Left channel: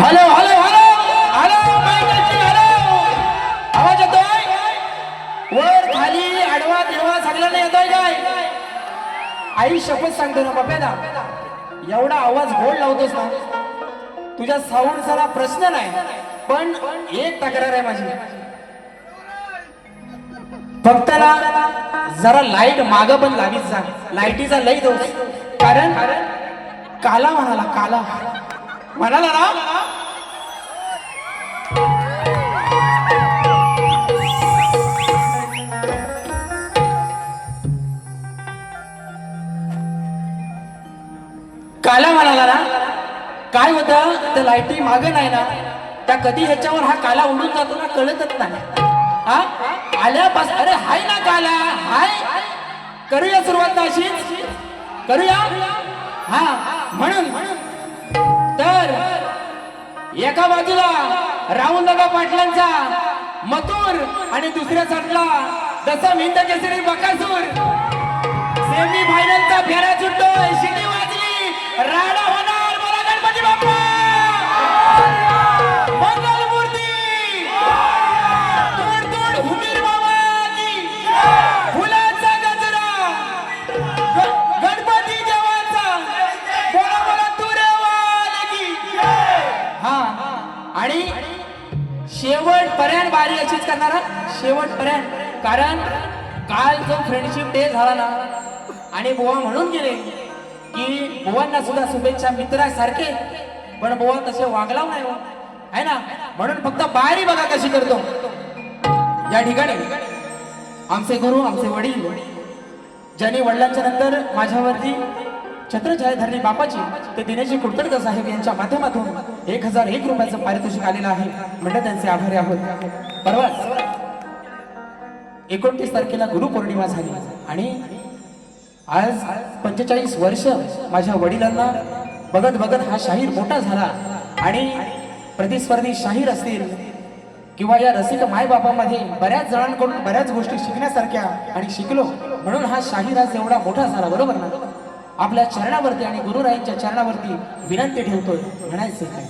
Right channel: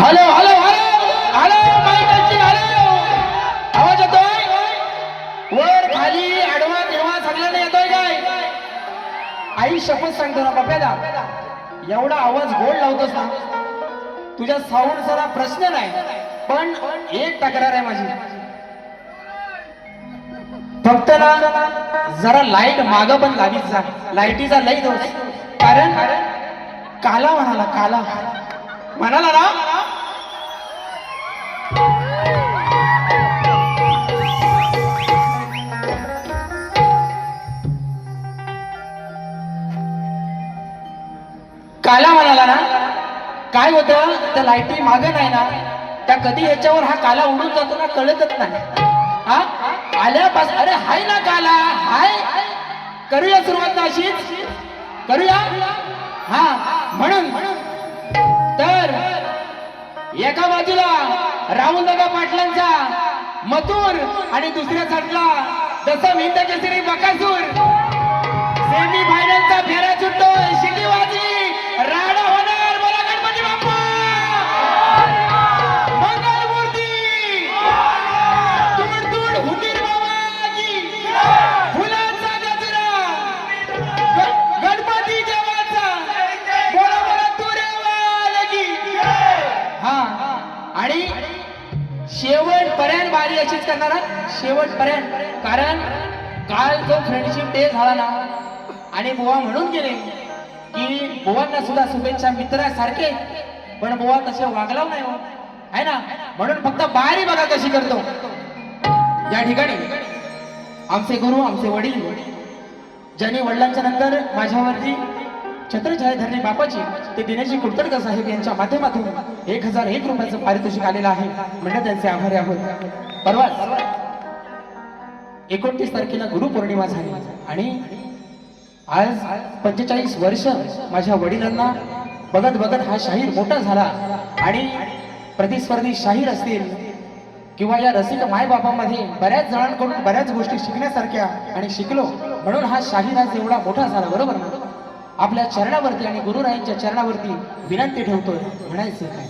Hello hello सगळ्यांना येतोय काय? आई शपथ सांगतो ना बाप्याला, एवढा आवाज गोड लावतोस ना, तुझ्या साऊंडचा प्रश्न नाही, पण एक तक्रार आहे माझी, फक्त ना जरा लाईट माग पण लावीत जा, लाईटीचा लई दोष. कारण काला म्हणाला, काला म्हणाला ना, काला म्हणाला ना, काय होतं त्या लाईटी मागे नाही ना, त्या कधी ह्याच्यावर हा काला उडून जातो ना, कळतच नाही. हा आल्यापासून अरे हाय ना काला, हाय, करूया सुरुवात अशीच करूया. हा म्हणून तर एका बाजूला राहुलदादा पाटलांचा मथुर आणि दुसऱ्या साईडला जसा हिंद केसरी बकासूर, सेमी फायनलचा फेरा सुटतोय, शिटी वाजली, राडा होणार. बोला गणपती बाप्पा, मंगल मूर्ती, दूर दूर हुमीर बाबा की, फुलांचा गजरा, गणपती देवाचा, बोला बोला तुरेवाल की. हा आणि शेवटपर्यंत बारी अशीच करणार, शेवटपर्यंत. कारण काल जो फ्रेंडशिप डे झाला ना, आणि बुवा म्हणून गेले की बुवांना सुद्धा शुभेच्छा मित्रासारखे, पण बुवा तसे वागला नाही हो, आहे ना. म्हणून फक्त बारी बघा कशी करतो. या ठिकाणी आमचे गुरु, आमचे वडील, ज्यांनी वडिलांच्या नंतर माझ्यावरती छत्रछाया धरणी बापाची, ते दिनेशजी कुडतडकर साहेब यांच्या माध्यमातून 1001 रुपयाचं पारितोषिक आलेलं आहे, म्हणजे त्यांचे आभारी आहोत. परवा 29 तारखेला गुरुपौर्णिमा झाली आणि आज 45 वर्ष माझ्या वडिलांना बघत बघत हा शाहीर मोठा झाला. आणि प्रतिस्पर्धी शाहीर असतील किंवा या रसिक मायबापामध्ये बऱ्याच जणांकडून बऱ्याच गोष्टी शिकण्यासारख्या आणि शिकलो, म्हणून हा शाहीर आज एवढा मोठा झाला. बरोबर ना. आपल्या चरणावरती आणि गुरुरायांच्या चरणावरती विनंती ठेवतोय, म्हणायचे काय?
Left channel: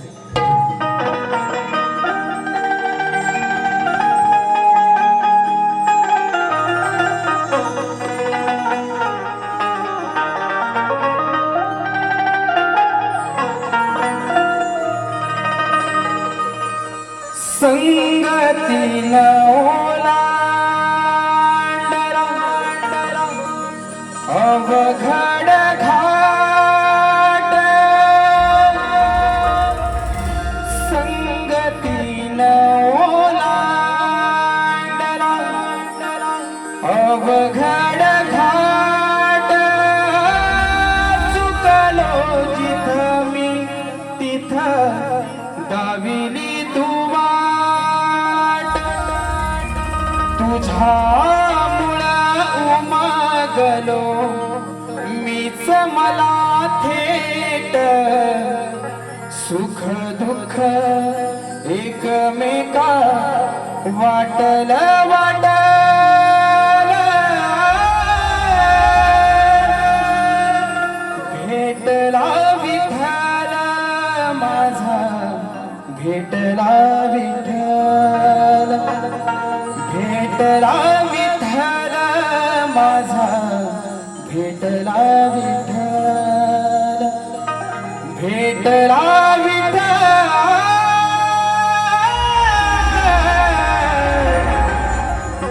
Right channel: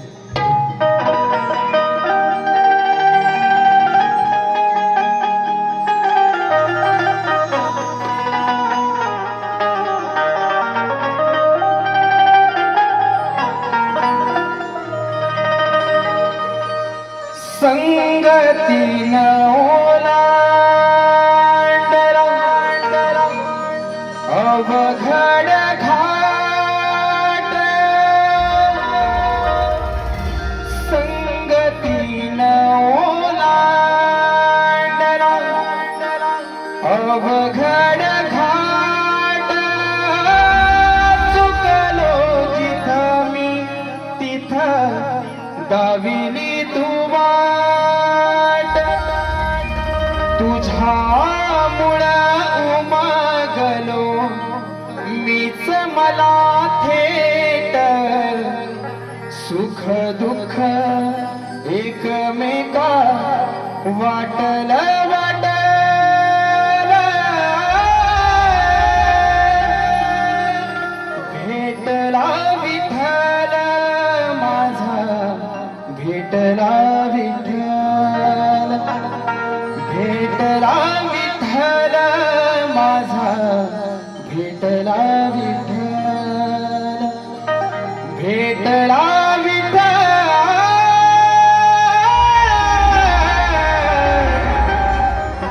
संगतीन ओलांडला अवघड घाट, संगतीन ओलांडला अवघड घाट, चुकलो जिथं मी तिथं दाविली तू वाट, तुझ्यामुळं उमागलो मीच मला थेट, सुख दुःख एकमेका वाटल वाटल, भेटला विठ्ठल माझा, भेटला विठ्ठल, भेटला विठ्ठल माझा, भेटला विठ्ठल, भेटला विठ्ठल,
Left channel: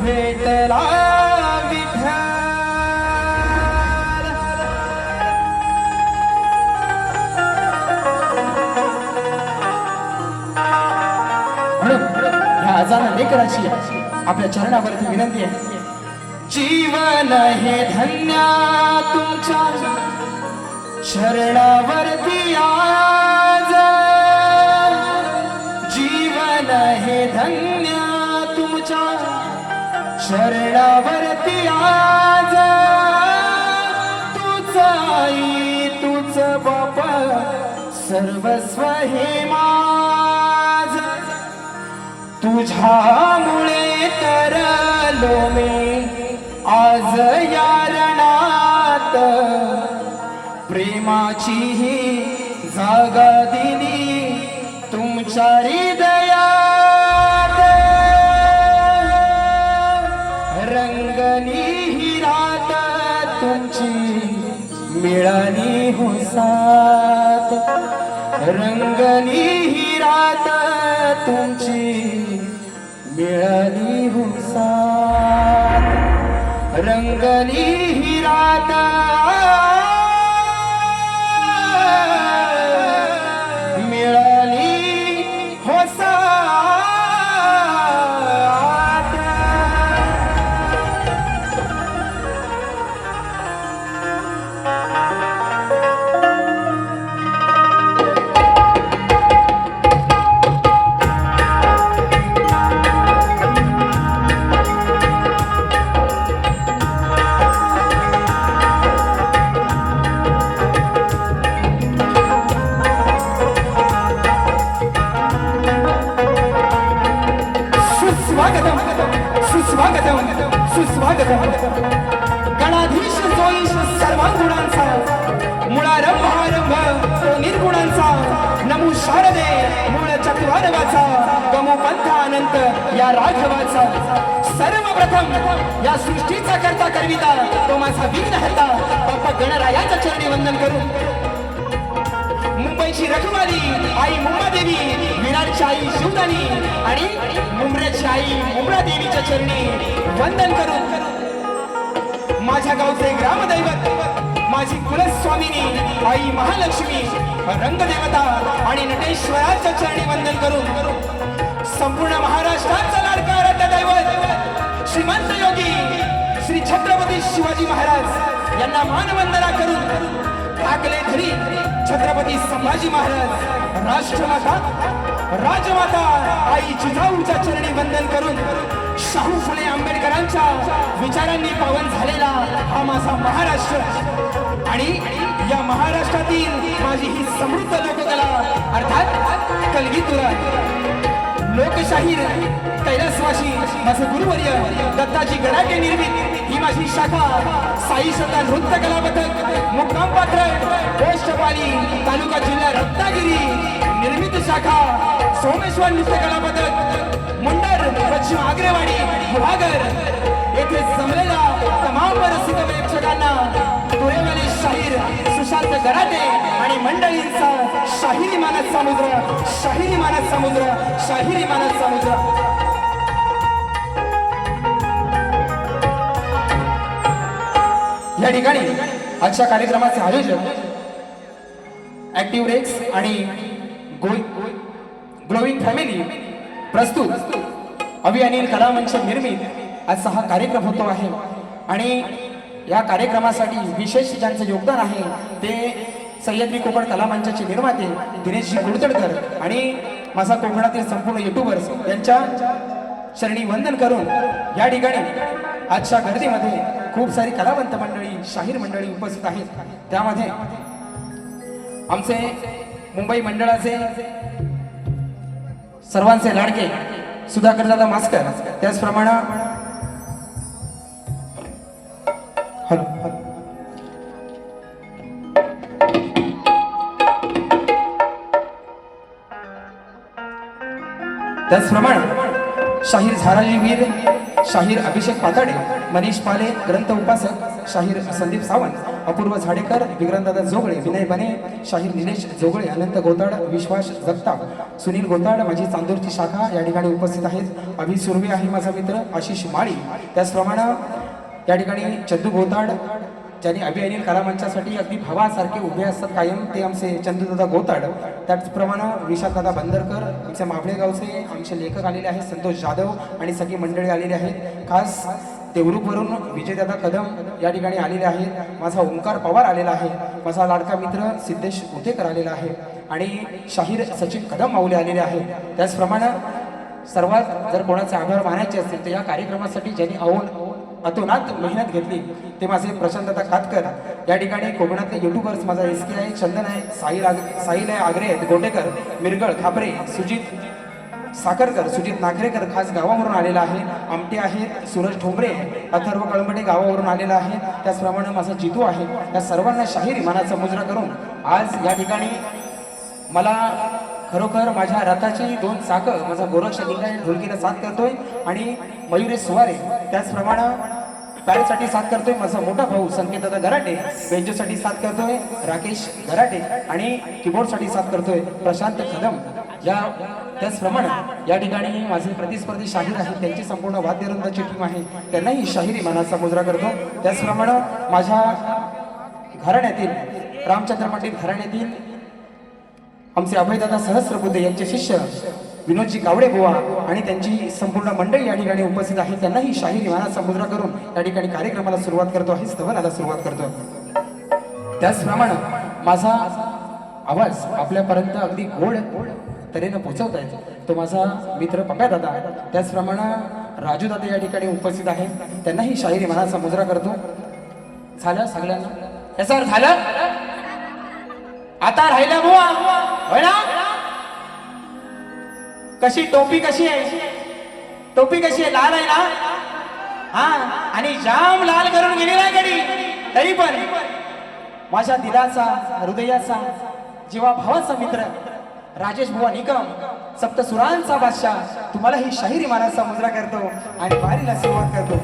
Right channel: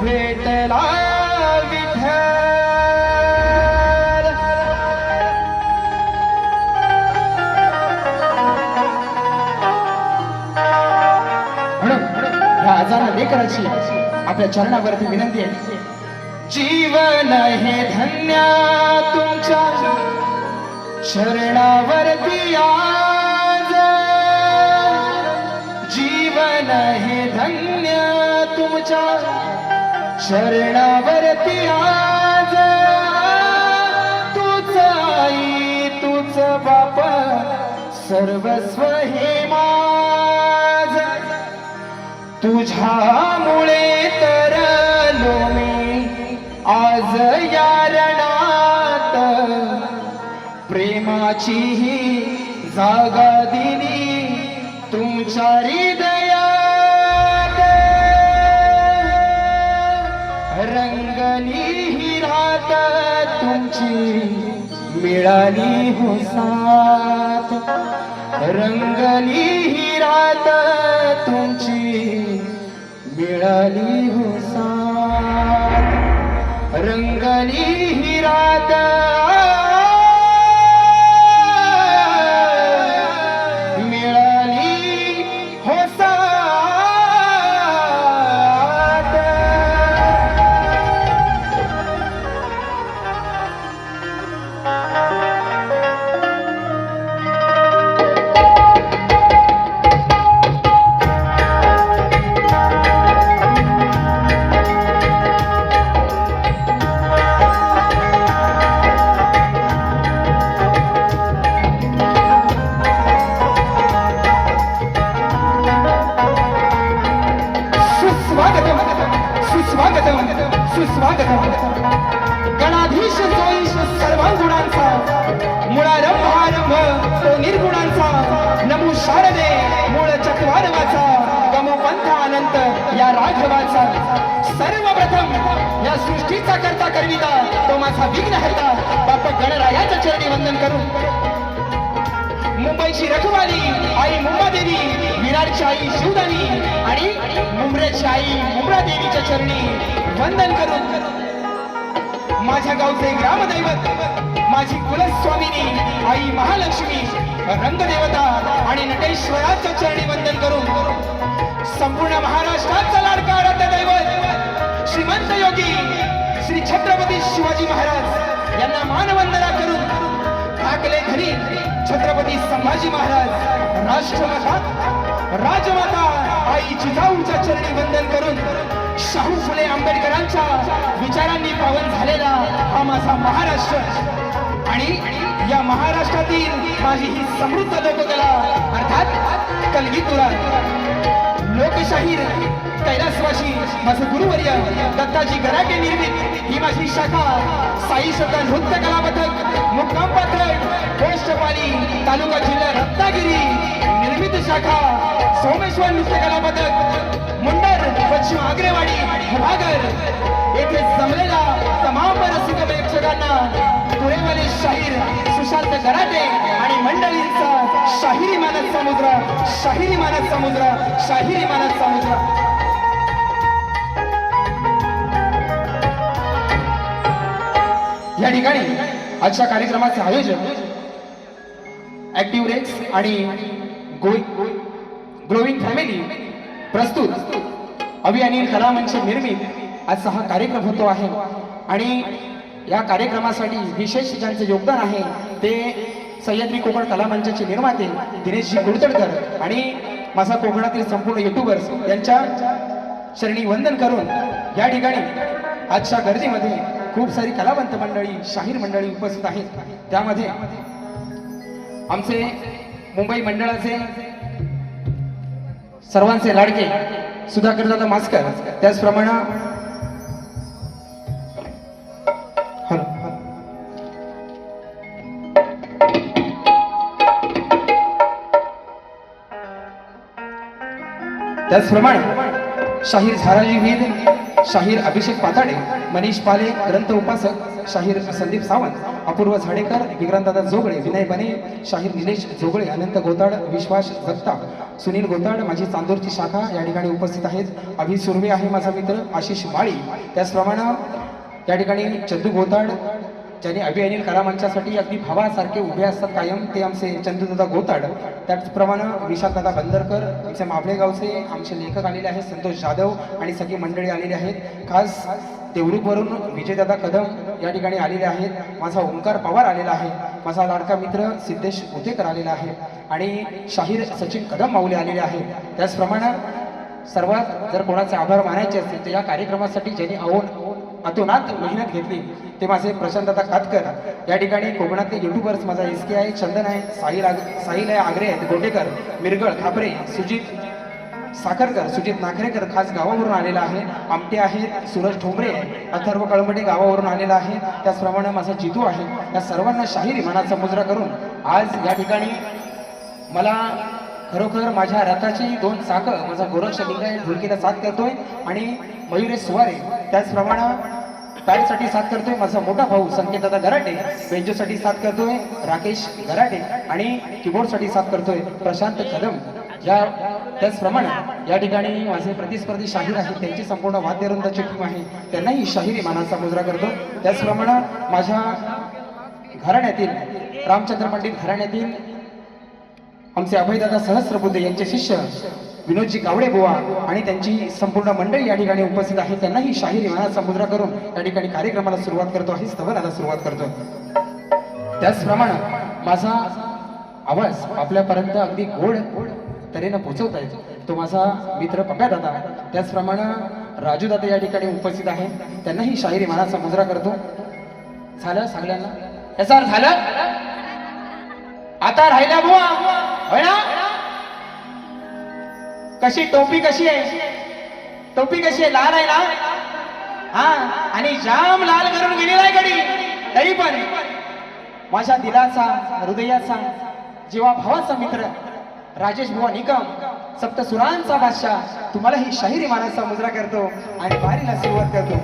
भेटला विठ्ठल. म्हणून ह्या आजारा लेकराची आपल्या चरणावरती विनंती आहे. जीवन हे धन्य तुमच्या शरणावरती आज, जीवन हे धन्य तुमच्या शरणावरती आज, तूच आई तूच बाप सर्वस्व हे माझ, तुझ्यामुळे तरलो मी आज या रणात, प्रेमाची ही जागा दिली तुमच्या हृदयात, रंगली ही रात रंगली ही रात तुमची मिळाली हो साथ रंगली ही रात मिळाली हो साथ सुस्वागतम सुस्वागतम गणाधीश जोईश सर्वांगुणांचा मुळारंभ आरंभ तो निर्गुणांचा नमो शारदे मूळ चक्रवारवाचा गमो पंथ अनंत या राघवाचा सर्वप्रथम या सृष्टीचा करता करविता तो माझा विघ्न हरता बाप्पा गणरायाचा चरणी वंदन करून मुंबईची रखवाली आई मुंबादेवी विराटची आई शिवदानी आणि मुंब्र्याची आई मुंब्रा देवीच्या चरणी वंदन करून माझ्या गावचे ग्रामदैवत माझी कुलस्वामिनी आई महालक्ष्मी रंगदेवता आणि नटेश्वराच्या चरणी वंदन करून संपूर्ण महाराष्ट्राचा लाडका आराध्य दैवत श्रीमंत योगी श्री छत्रपती शिवाजी महाराज यांना मानवंदना करून ठाकले धरी छत्रपती संभाजी महाराज राष्ट्रमाता राजमाता आई जिजाऊच्या चरणी वंदन करून शाहू फुले आंबेडकरांच्या विचारांनी पावन झालेला हा माझा महाराष्ट्र आणि या महाराष्ट्रातील माझी ही समृद्ध लोककला अर्थात कलगीतुरा लोकशाहीर कैलासवासी माझे गुरुवर्य दत्ताजी गराटे निर्मित ही माझी शाखा साई श्रद्धा नृत्य कला पथक मुक्काम पाथर्ड पोस्टपाली तालुका जिल्हा रत्नागिरी निर्मित शाखा सोमेश्वर नृत्य कला पथक मुंडर पश्चिम आग्रेवाडी भागर येथे जमलेल्या तमाम रसिक प्रेक्षकांना तुरेवाले शाहीर सुशांत गराटे आणि मंडळींचा शाहिरी मानस समुद्र शाहिरी मानस समुद्र शाहिरी मानस समुद्र या ठिकाणी आजच्या कार्यक्रमाचे आयोजन ऍक्टिव्ह रेक्स आणि ग्लोविंग फॅमिली प्रस्तुत अभि अनिल कलामंच निर्मित आजचा हा कार्यक्रम होतो आहे आणि या कार्यक्रमासाठी विशेष ज्यांचे योगदान आहे ते सह्याद्री कोकण कलामंचाचे निर्माते दिनेशजी कुलतडकर आणि माझा कोकणातील संपूर्ण युट्यूबर्स यांच्या चरणी वंदन करून या ठिकाणी आजच्या गर्दीमध्ये खूप सारी कलावंत मंडळी शाहीर मंडळी उपस्थित आहेत त्यामध्ये आमचे मुंबई मंडळाचे सर्वांचे लाडके सुधाकर दादा मास्कर त्याचप्रमाणे शाहीर झारळीवीर शाहीर अभिषेक पाताडे मनीष पाले ग्रंथ उपासक शाहीर संदीप सावंत अपूर्व झाडेकर विक्रांतदादा जोगळे विनय बने शाहीर निलेश जोगळे अनंत गोताड विश्वास जगताप सुनील गोताड माझी चांदूरची शाखा या ठिकाणी उपस्थित आहेत अभि सुर्वे आहे माझा मित्र आशिष माळी त्याचप्रमाणे या ठिकाणी चंदू गोताड ज्यांनी अभि अनिल कलामंचासाठी अगदी भावासारखे उभे असतात कायम ते आमचे चंदूदादा गोताड त्याचप्रमाणे विशाखदादा बंदरकर आमचे मावळे गावचे आमचे लेखक आलेले आहेत संतोष जाधव आणि सगळी मंडळी आलेली आहेत खास देवरूखवरून विजयदादा कदम या ठिकाणी आलेले आहेत माझा ओंकार पवार आलेला आहे माझा लाडका मित्र सिद्धेश उतेकर आलेला आहे आणि शाहीर सचिन कदम माऊली आलेले आहेत त्याचप्रमाणे सर्वात जर कोणाचे आभार मानायचे असतील तर या कार्यक्रमासाठी ज्यांनी अतोनात मेहनत घेतली ते माझे प्रशांतदा कातकर या ठिकाणी कोकणातले युट्यूबर्स माझा SK आहे चंदन आहे साहिल आहे आग्रे आहेत गोटेकर मिरगळ खापरे सुजित साखरकर सुजित नाखरेकर खास गावावरून आलेला आहे आमटे आहेत सूरज ठोंबरे अथर्व कळंबटे गावावरून आलेला आहे त्याचप्रमाणे माझा जितू आहे या सर्वांना शाहिरी मनाचा मुजरा करून आज या ठिकाणी मला खरोखर माझ्या रथाची दोन चाकं माझा गोरक्ष लिंगाय ढोलकीला साथ करतोय आणि मयुरेश सुवारे त्याचप्रमाणे तारेसाठी साथ करतोय माझा मोठा भाऊ संकेतदादा गराटे, बेंजोसाठी साथ करतोय राकेश गराटे आणि कीबोर्डसाठी साथ करतोय प्रशांत कदम. या त्याचप्रमाणे या ठिकाणी माझे प्रतिस्पर्धी शाहीर आहेत, त्यांची संपूर्ण वाद्यवृंदाची टीम आहे, त्यांनाही शाहिरी मानाचा मुजरा करतो. त्याचप्रमाणे माझ्या घराण्यातील रामचंद्र पंडित घराण्यातील आमचे अभयदादा सहस्रबुद्धे यांचे शिष्य विनोदजी कावडे बुवा आणि त्यांची संपूर्ण मंडळी या ठिकाणी उपस्थित आहे, त्यांनाही शाहिरी मानाचा मुजरा करून या ठिकाणी कार्यक्रमाला सुरुवात करतो आहे, स्तवनाला सुरुवात करतो. त्याचप्रमाणे माझा आवाज आपल्यापर्यंत अगदी गोड तऱ्हेने पोहोचवता येतो तो माझा मित्र पप्या दादा, त्याचप्रमाणे राजू दादा या ठिकाणी उपस्थित आहे, त्यांनाही शाहिरी मानाचा मुजरा करतो. झालं सगळ्यांना याच्यावर झालं. आता राहिला बुवा होय ना. कशी टोपी कशी आहे, टोपी कशी आहे, लाल आहे ना. हा आणि जाम लाल करून गेलेला आहे गडी, तरी पण माझ्या दिलाचा हृदयाचा जीवा भावाचा मित्र राजेश बुवा निकम सप्तसुरांचा बादशाह तुम्हाला ही शाहिरी मानाचा मुजरा करतो आणि वारीला सुरुवात करतो.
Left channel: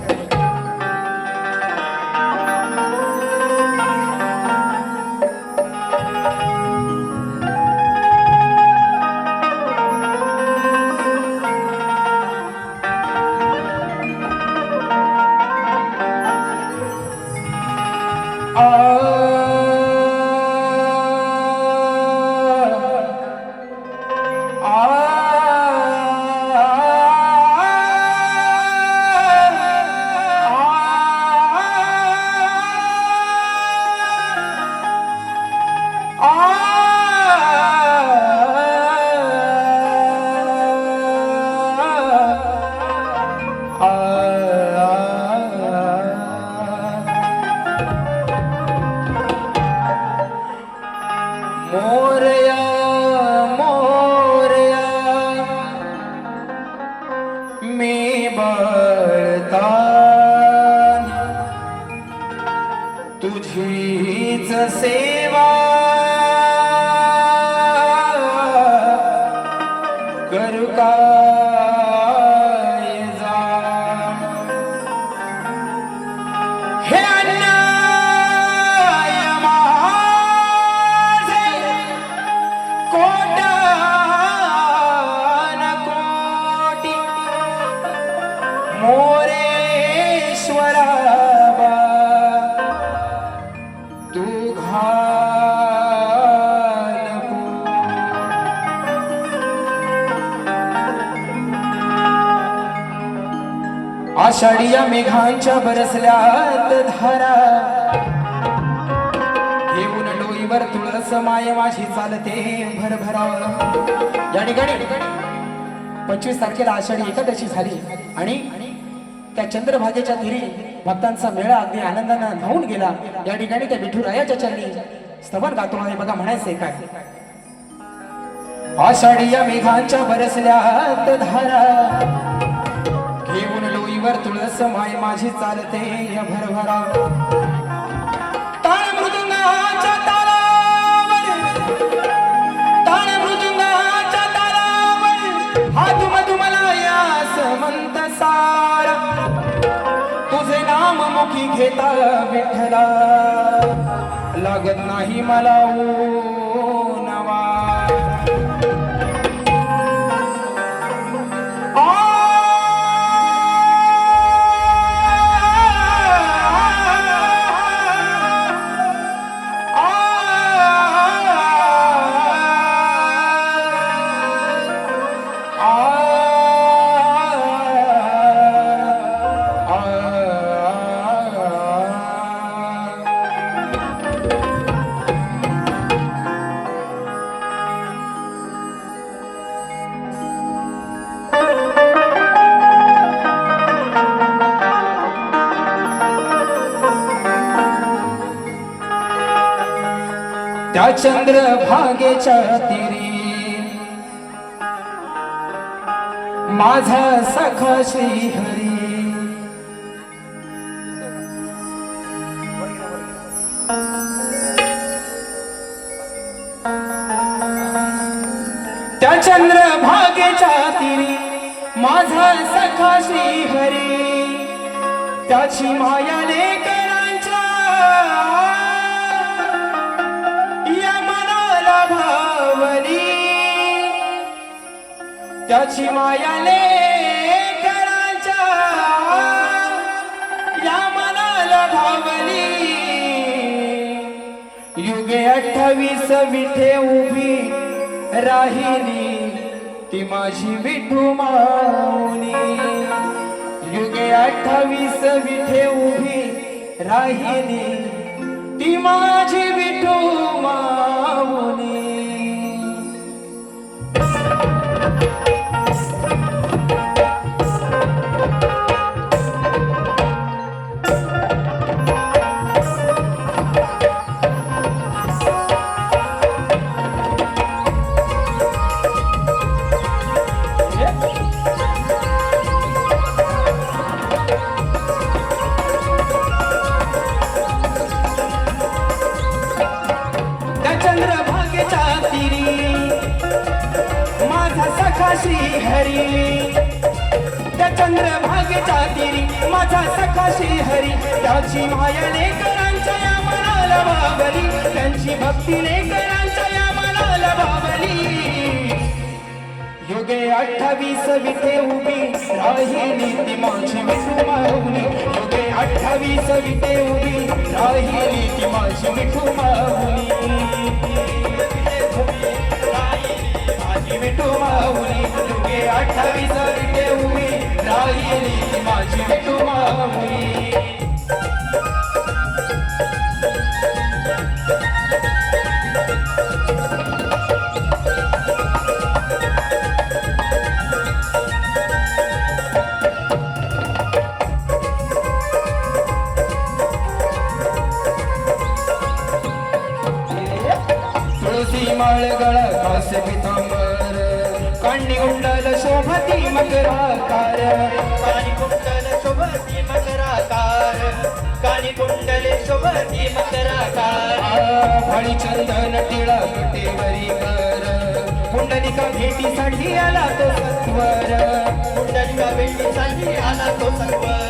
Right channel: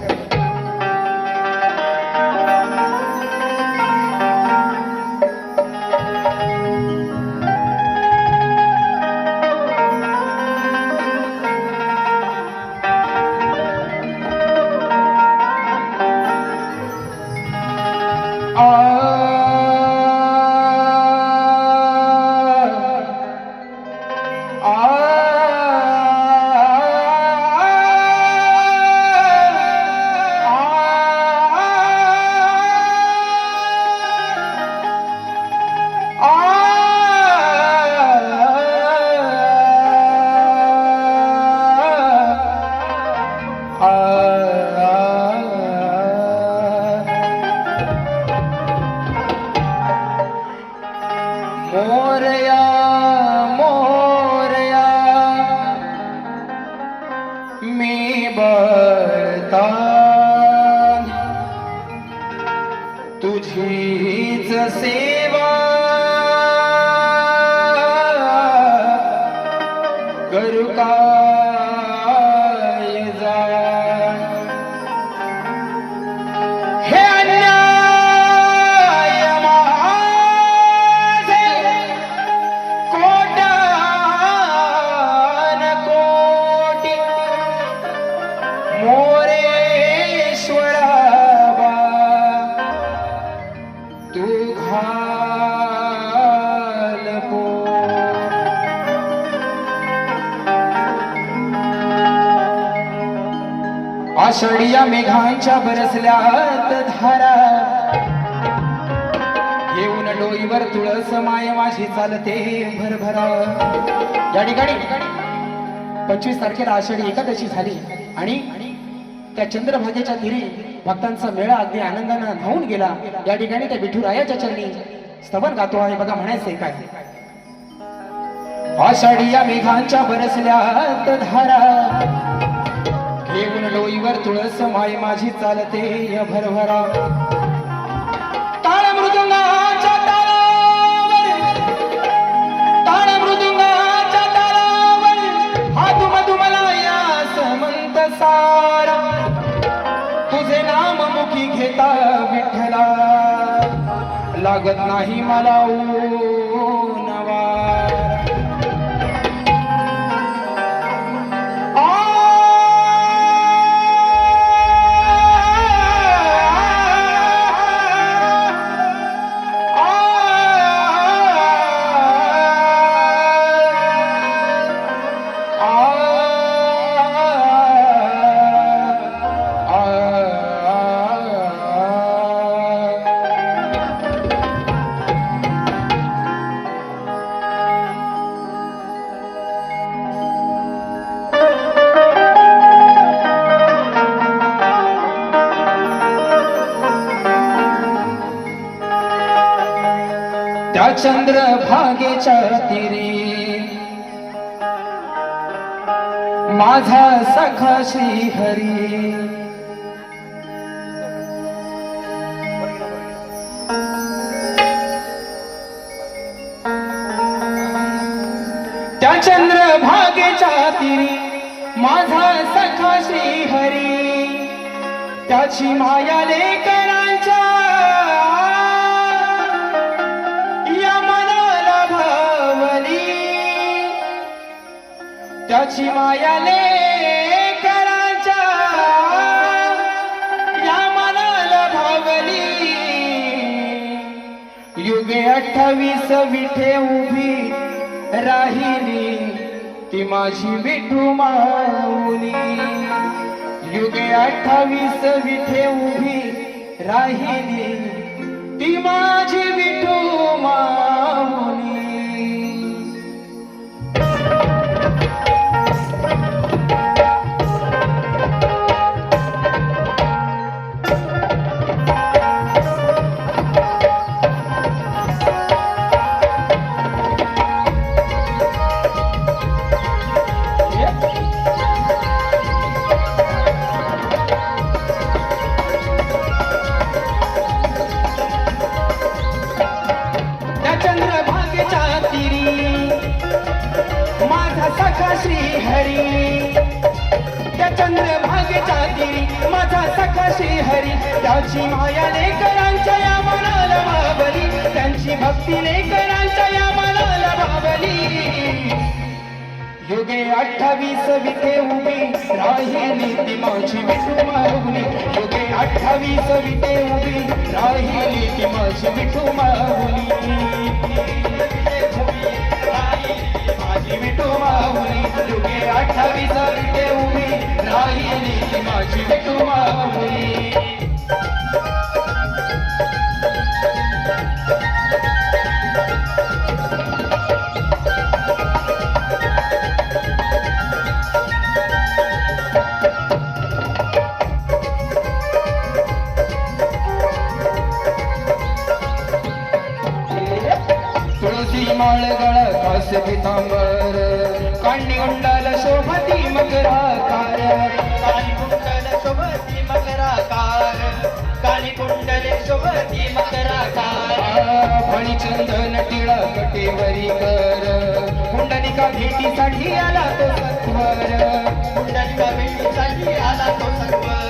मोरया मोरया मी बळता तुझीच सेवा करू काय जा. हे अन्याय माझे कोट्यान कोटी मोरेश्वरा तू घाल को. आषाढिया मेघांच्या बरसल्यात धारा घेऊन डोईवर तुळस माय माझी चालते भरभरा. या ठिकाणी 25 तारखेला आषाढी एकादशी झाली आणि त्या चंद्रभागेच्या तीरी भक्तांचा मेळा अगदी आनंदाने धावून गेला. या ठिकाणी त्या विठुरायाच्या चरणी स्तवन गातो आहे बघा, म्हणायचंय काय. आषाढिया मेघांच्या बरसल्यात धारा घेऊन डोईवर तुळस माय माझी चालते भरभरा. ताळ मृदुंगाच्या तालावर, ताळ मृदुंगाच्या तालावर हा दुमदुमला या समंत सारा. तुझे नाम मुखी घेता विठ्ठला लागत नाही मला ऊन वारा. त्या चंद्रभागेच्या तीरी माझा सखा श्रीहरी. त्या चंद्रभागेच्या तीरी माझा सखा श्रीहरी त्याची माया लेकरांच्या या मनाला भावली, त्याची माया लेकरांच्या या मनाला भावली. युगे 28 विठे उभी राहिली ती माझी विठू माऊली. युगे 28 विठे उभी राहिली ती माझी विठू माऊली. चंद्रभागेच्या तीरी माझा सखा श्री हरी, त्या चंद्रभागेच्या तीरी माझा सखा श्री हरी. त्याची माया लेकरांच्या या मनाला भावली, त्यांची भक्ती लेकरांच्या या मनाला भावली. युगे 28 विठे उभी राहिली ती माझी विठू माऊली. युगे 28 विठे उभी राहिली ती माझी विठू माऊली. माझी विठू माऊली. युगे 28 विठे उभी राहिली ती माझी विठू माऊली. तुळसी माळगळ कास पितांबर, कांडी कुंडल शोभती मकराकार. काळी कुंडल शोभती मकराकार, काळी कुंडल शोभती मकराकार. फणी चंदन टिळा कटेवरी कर, कुंडलिका भेटीसाठी आला तो सत्वर. कुंडलिका भेटीसाठी आला तो सत्वर.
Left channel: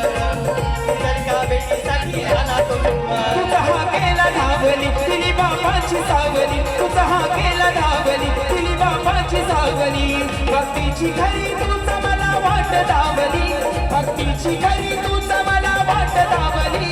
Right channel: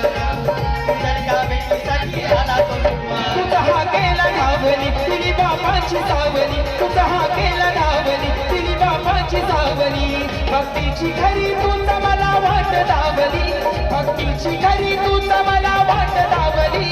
कुंडलिका भेटीसाठी आला तो सत्वर. तुझा हा केला धावली तिने बापाची सावली, तुझा हा केला धावली तिने बापाची सावली. भक्तीची खरी तूच मला वाट धावली, भक्तीची खरी तूच मला वाट धावली.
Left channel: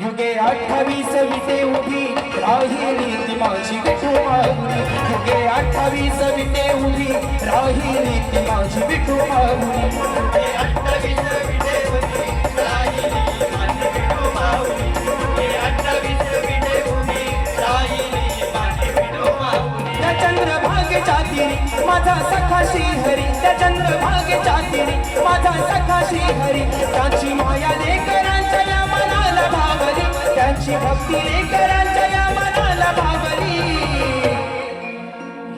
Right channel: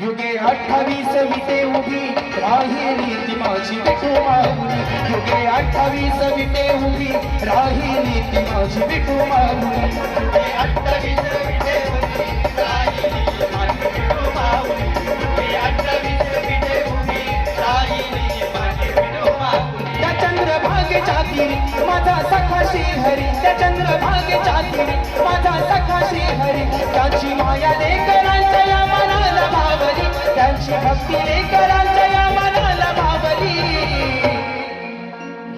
युगे 28 विटे उभी राहिली ती माझी विठू माऊली. युगे 28 विटे उभी राहिली ती माझी विठू माऊली. युगे 28 विटे उभी राहिली माझी विठू माऊली. युगे 28 विटे उभी राहिली माझी विठू माऊली. त्या चंद्रभागेच्या तीरी माझा सखा श्री हरी, त्या चंद्रभागेच्या तीरी माझा सखा श्री हरी. त्याची माया लेकरांच्या या मनाला भावली, त्यांची भक्ती लेकरांच्या या मनाला भावली.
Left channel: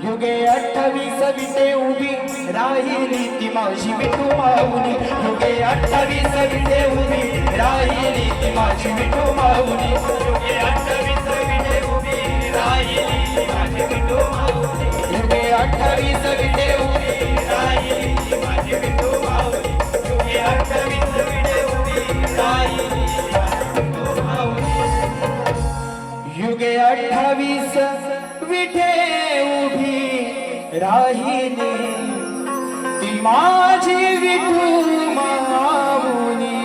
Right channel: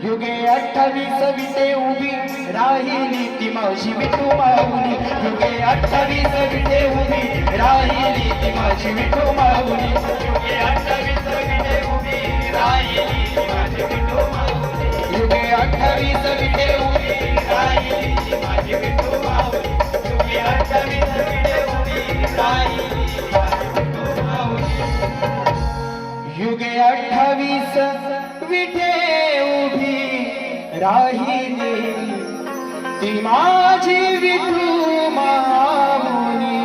युगे 28 विटे उभी राहिली ती माझी विठू माऊली. युगे 28 विटे उभी राहिली ती माझी विठू माऊली. युगे 28 विटे उभी राहिली ती माझी विठू माऊली. युगे 28 विटे उभी राहिली ती माझी विठू माऊली. युगे 28 विटे उभी राहिली ती माझी विठू माऊली. युगे 28 विठे उभी राहिली ती माझी विठू माऊली.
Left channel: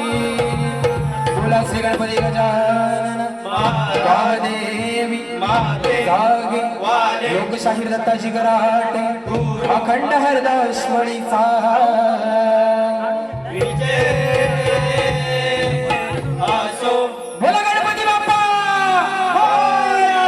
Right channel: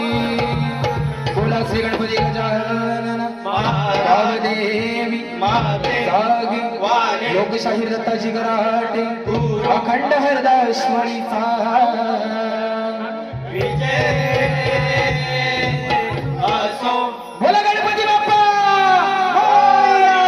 बोला श्री गणपती गजानन महादेवी जागे लोकशाहीर दत्ताजी कराटे अखंड हरदास मणीचा विजय असो. बोला गणपती बाप्पा मोरया.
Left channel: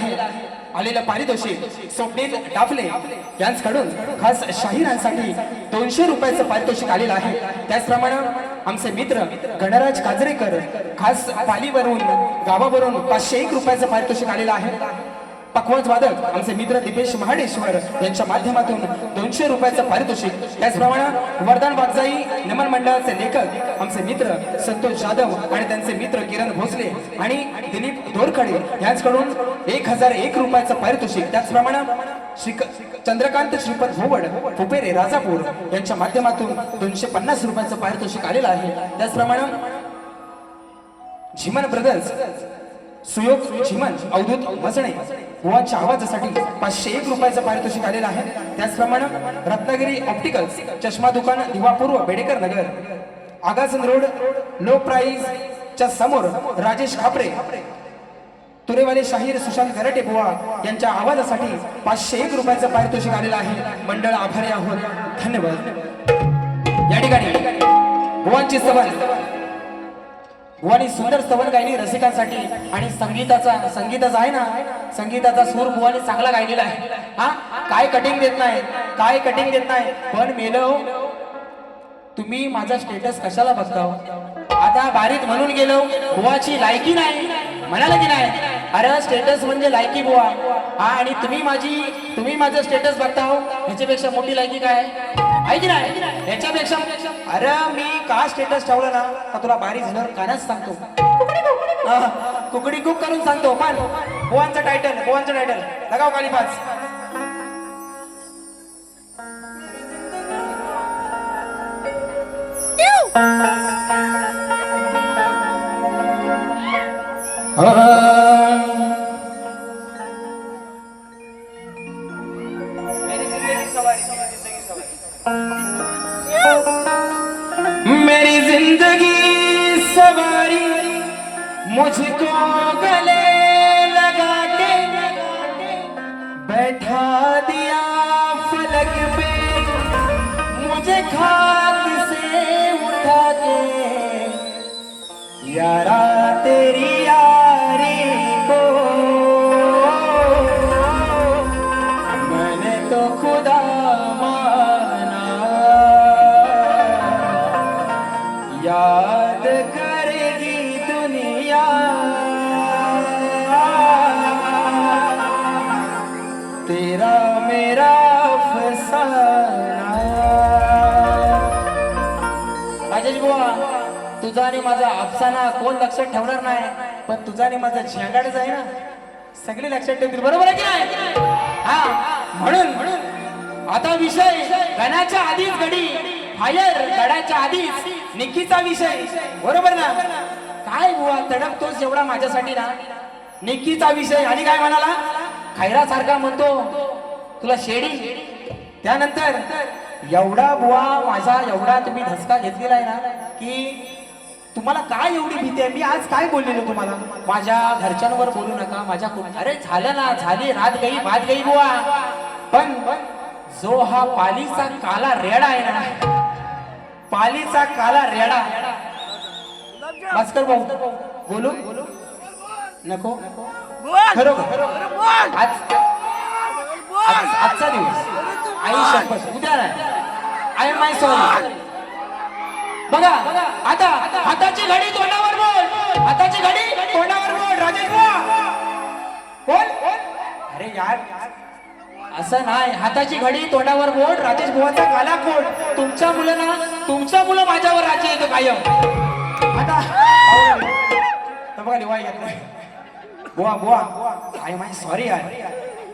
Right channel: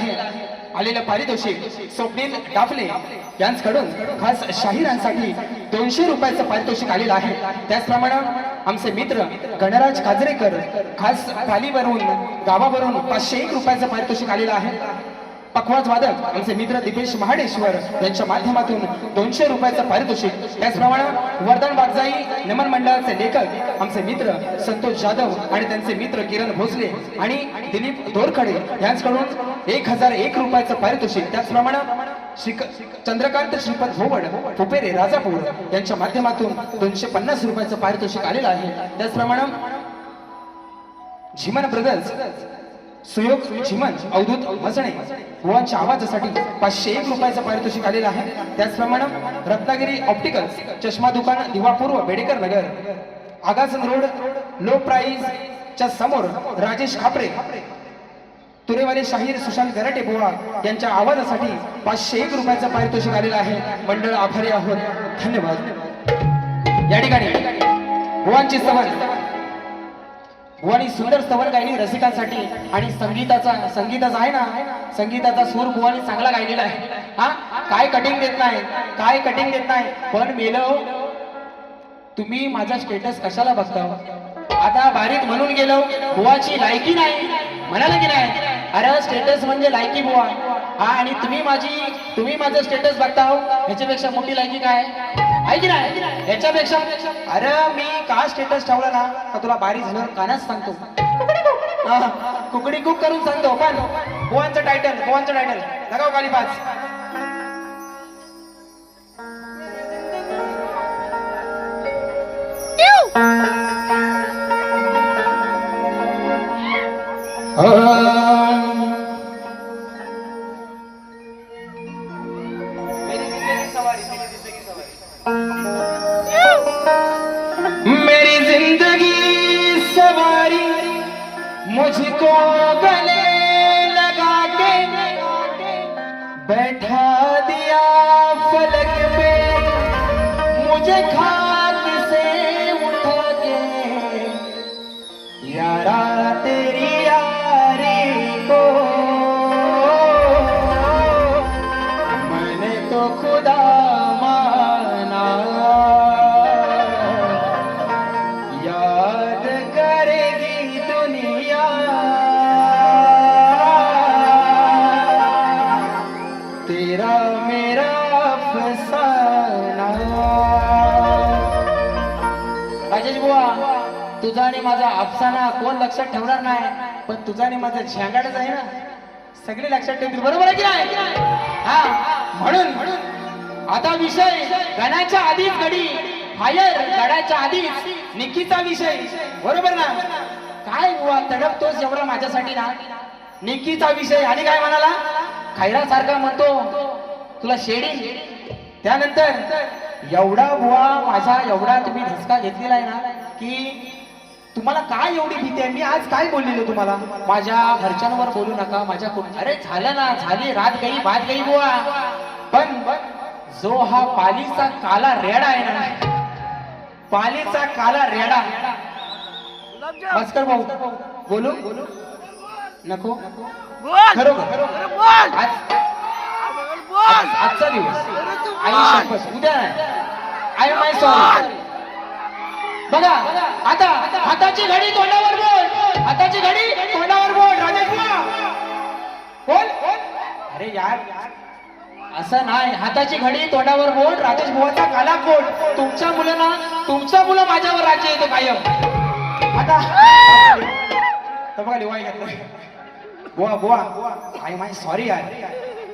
आहे. आलेलं पारितोषिक स्वप्नील डाफले यांच्याकडून खास शाहिरांसाठी 200 रुपयाचं पारितोषिक आलेलं आहे. त्याचप्रमाणे आमचे मित्र गणराज काजरेकर खास पालीवरून गावावरून 501 रुपयाचं पारितोषिक आलेलं आहे. पखवाज वादक आमचे मित्र दीपेश महाडेश्वर यांच्या माध्यमातून 200 रुपयाचं पारितोषिक. त्याचप्रमाणे वर्धन बागजाई नमन मंडळाचे लेखक आमचे मित्र संतोष जाधव आणि त्यांचे मित्र किरण भोसले आणि दिलीप दोरखडे यांच्याकडून 1001 रुपयाचं पारितोषिक. त्याचप्रमाणे चंद्रकांत श्रीपद भोवड फुपेरे राजापूर यांच्या माध्यमातून 250 रुपयाचं पारितोषिक आलेलं आहे. त्याचप्रमाणे झिमन ब्रदर्स सुयोग झिमन अवधूत मसणे बुवांच्या आवाजासाठी 501 रुपयाचं पारितोषिक आलेलं आहे. त्याचप्रमाणे रत्नागिरी ऑप्टिकल्स चष्मा दुकान दिवापूर्व बेडेकर नगर आगासन रोड लो प्राइस च्या समोर राजेश खापरे तुरेवाले शाहीर सुशांत गरटे बुवा यांच्या आवाजासाठी 501 रुपयाचं पारितोषिक आलेलं आहे. मंडळ आभारी आहोत. धन्यवाद. या ठिकाणी बुवांची सवय बुवानी सुंदर स्तवन गायली रसिकांसाठी आणि संगीताचा आहे ना संगीताचा सूर बुवानी चांगला गायलेला आहे. हा काय कटिंग देत नाही पण मेलो तुम्ही माझा स्टेटस कशाला बघता. आता बारीक म्हणून गेलो बुवाची लायकी नाही म्हणाला की नाही. अरे स्टेटस म्हणजे लायकी बुवा. हा आणि तुम्ही माझं स्टेटस बघता हो ह्याच्यापेक्षा मोठी लायकी काय आहे की नाही. याच्यापेक्षा अरे मी का स्टेटस ठेवला ना का तुला बारीक झालं कानाच सांगतो कुकडी कुक करून सांगतो. पण बुवांचं टायटल लगाव खाली 5. मेरी जिंदगी सवारी मुझको गले लगा के बैठा दिया फलक पे मुझे खाक से उठा के यारा तेरी यारी को मैंने तो खुदा याद करेगी दुनिया तेरा मेरा फसाना. राजेश बुवा तुझा आणि माझा अफसाना कोण लक्षात ठेवणार नाही पण तुझा आणि माझा झेंगाडच आहे ना सगळे लक्षात ठेवतील. बरोबर आहे की नाही. हा म्हणून आता विषय गणाच्या आधीच घडी फायर गडाच्या आधीच निकीचा विषय. बरोबर ना. काय बुवा तडपतोस एवढा माझ्यासाठी ना निकीचा विषय. आणि काय म्हणाला खैरा सारखा म्हणतो तुला शेडी. त्यानंतर एवढा बुवा माझा एवढा तुम्ही धसका घेतलेला आहे ना की तुम्हाला काय एवढी भीती आहे. मी आज काय बोललेलो तुम्हाला माझ्या घरच्यांवर बोलू नका माझ्या अरे झालं ना झाली रात गई बात गई बुवा. पण जो हा पालीचा काला रेडा आहे ना पालीचा काला रेडा भास्कर भाऊ बोलू नको खरोखर आजचा दिवस आई शपथ उद्या आई माय सॉरी. बघा आता हाताची घडी तोंडावर बोल हाताची घडी तोंडावर बोल राजेश बोल. अरे यार असं नाही हाताची घडी तोंडावर बोल राजेश बुवाचा काला कोट. तुमच्या मुलं माझ्यावर राज्य येतो कायम. आता बघा लिवाय बुवा आय माय सॉरी यार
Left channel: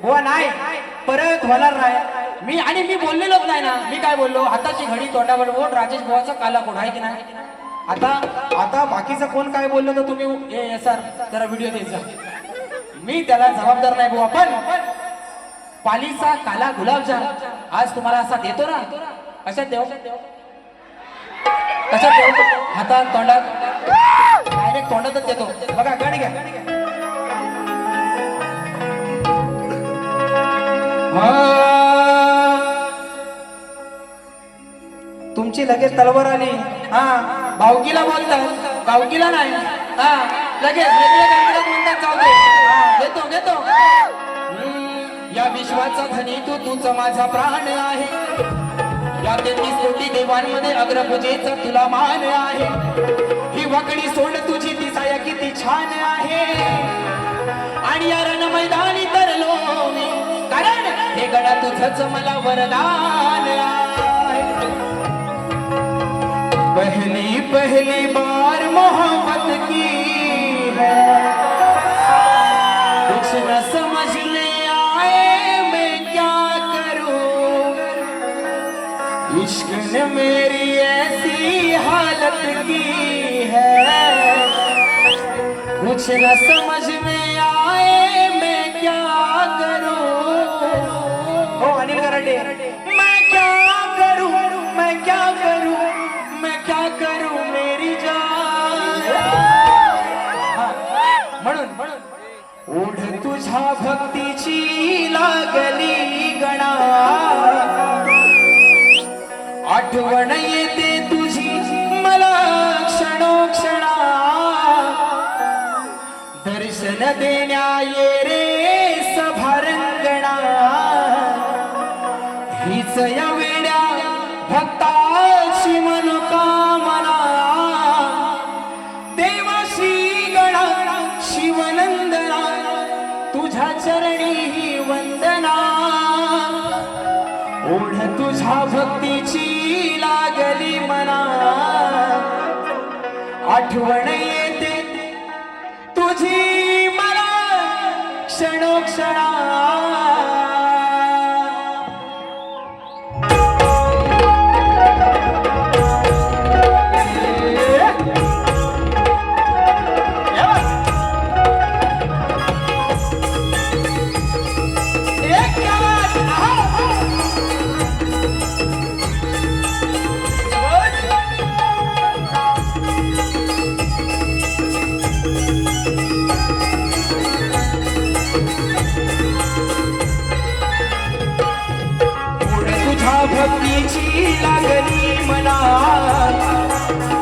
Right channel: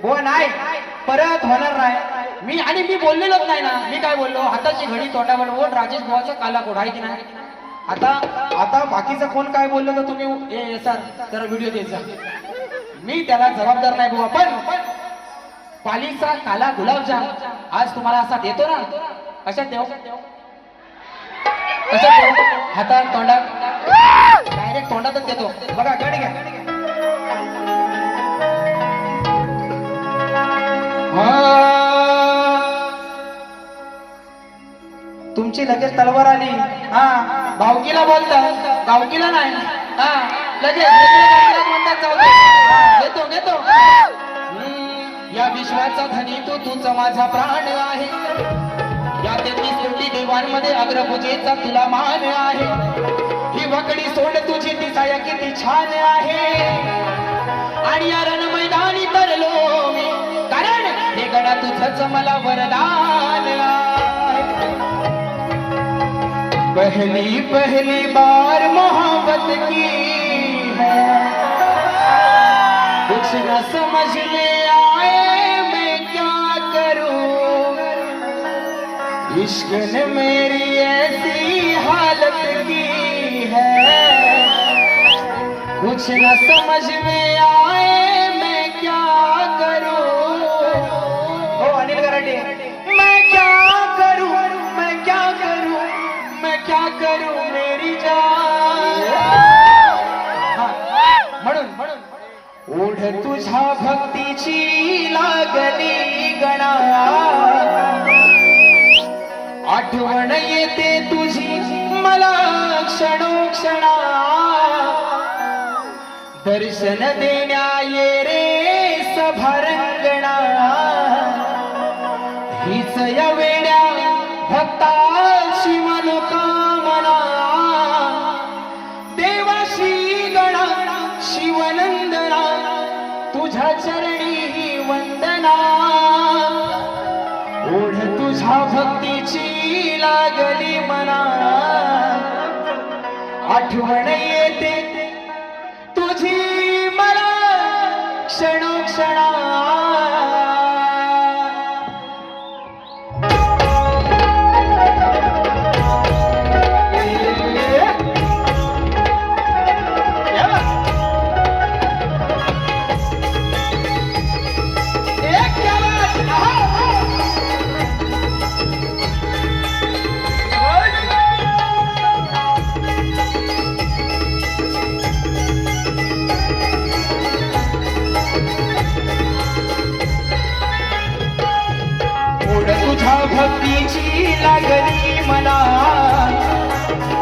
बुवा नाही परत होणार नाही. मी बोललेलोच नाही ना. मी काय बोललो हाताची घडी तोंडावर बोल राजेश बुवाचा काला कोट आहे की नाही. आता बाकीचं कोण काय बोललं तर तुम्ही सर जरा व्हिडिओ द्यायचा मी त्याला जबाबदार नाही बुवा. पण पालीचा काला गुलाबजाम आज तुम्हाला असा देतो ना कशात देऊ हातात तोंडात डायरेक्ट तोंडातच देतो. बघा गाडी घ्या. तुमची लगेच तलवार आली. हा भावकीला बोलता गावकीला नाही. हा लगेच म्हणतात जाऊ दे. घेतो घेतो या विश्वाचा धनी तूच माझा प्राण आहे. या 33 कोटी देवांमध्ये अग्रपूजेचा तुला मान आहे. ही वकडी सोड तुझी ती साया किती छान आहे. आणि या रण मैदानी तरलो मी, कारण हे गडा तुझंच मला वरदान आहे. पहली पहली बार मोहब्बत की है, कुछ न समझ में आए मैं क्या करूं. इश्क ने मेरी ऐसी हालत की है, कुछ न समझ में आए मैं क्या करूं. ओ अनिल गराटे, मैं क्या करूं, मैं क्या करूं, मैं क्या करूं मेरी जान. म्हणून ओढ तुझ्या भक्तीची लागली गणा, आठवण येते तुझी मला क्षणोक्षणा. दर्शन देण्या ये रे सभारंगणा, हीच या वेड्या भक्ताची मनोकामना. देवाशी गणा शिवनंदना, तुझ्या चरणी वंदना. ओढ तुझ्या भक्तीची लागली मना, आठवण येते तुझी मला क्षणोक्षणा. भक्तीची लागली मना,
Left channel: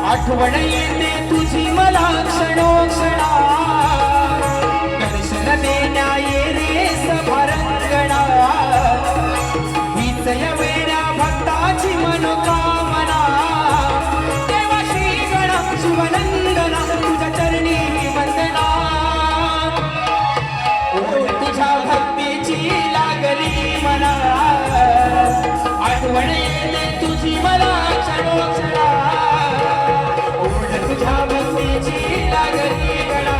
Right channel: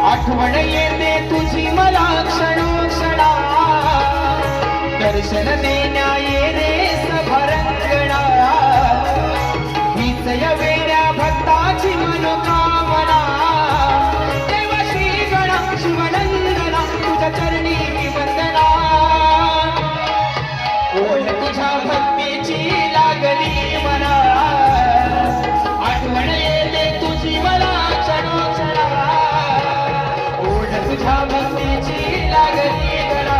आठवण येते तुझी मला क्षणोक्षणा. दर्शन देण्या ये रे सभारंगणा, हीच या वेड्या भक्ताची मनोकामना. देवा श्री गणा शिवनंदना, तुझ्या चरणी वंदना. ओढ तुझ्या भक्तीची लागली मना, आठवण येते तुझी मला क्षणोक्षणा. ओढ तुझ्या भक्तीची लागली गणा,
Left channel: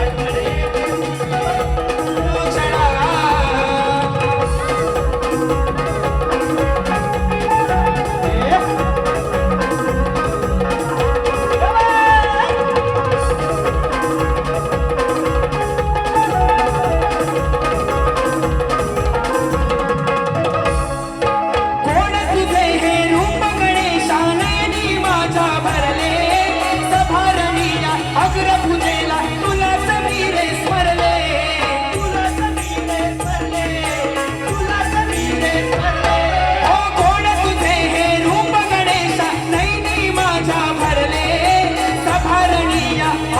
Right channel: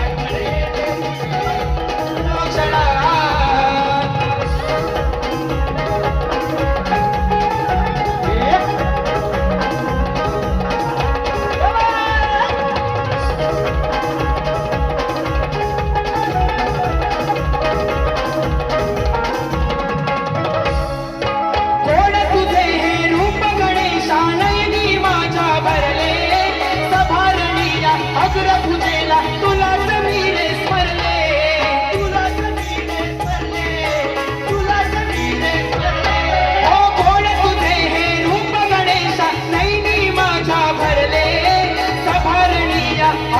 आठवण येते क्षणोक्षणा.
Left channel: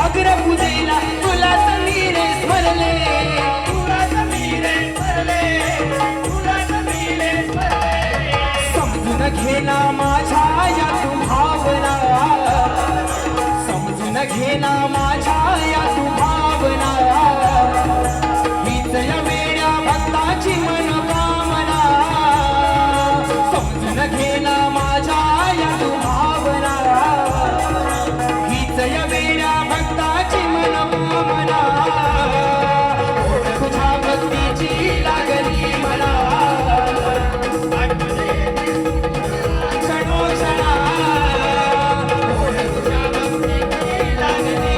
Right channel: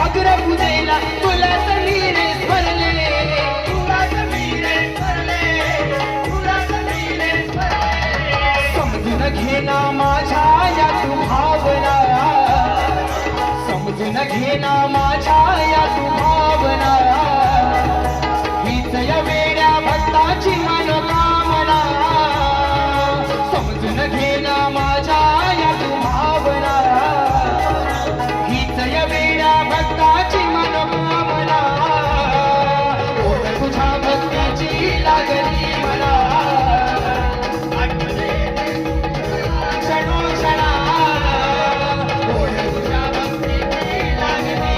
अग्रपुरेला तुला समीरे स्मरले, तुला समीरे स्मरले, तुला समीरे स्मरले. समजून घेना माझ्या या तू भावना, समजून घेना माझ्या या तू भावना. हीच या वेड्या भक्ताची मनोकामना. समजून घेना माझ्या या तू भावना, हीच या वेड्या भक्ताची मनोकामना. ओढ तुझ्या भक्तीची लागली मला, क्षणोक्षणा. ओढ तुझ्या भक्तीची लागली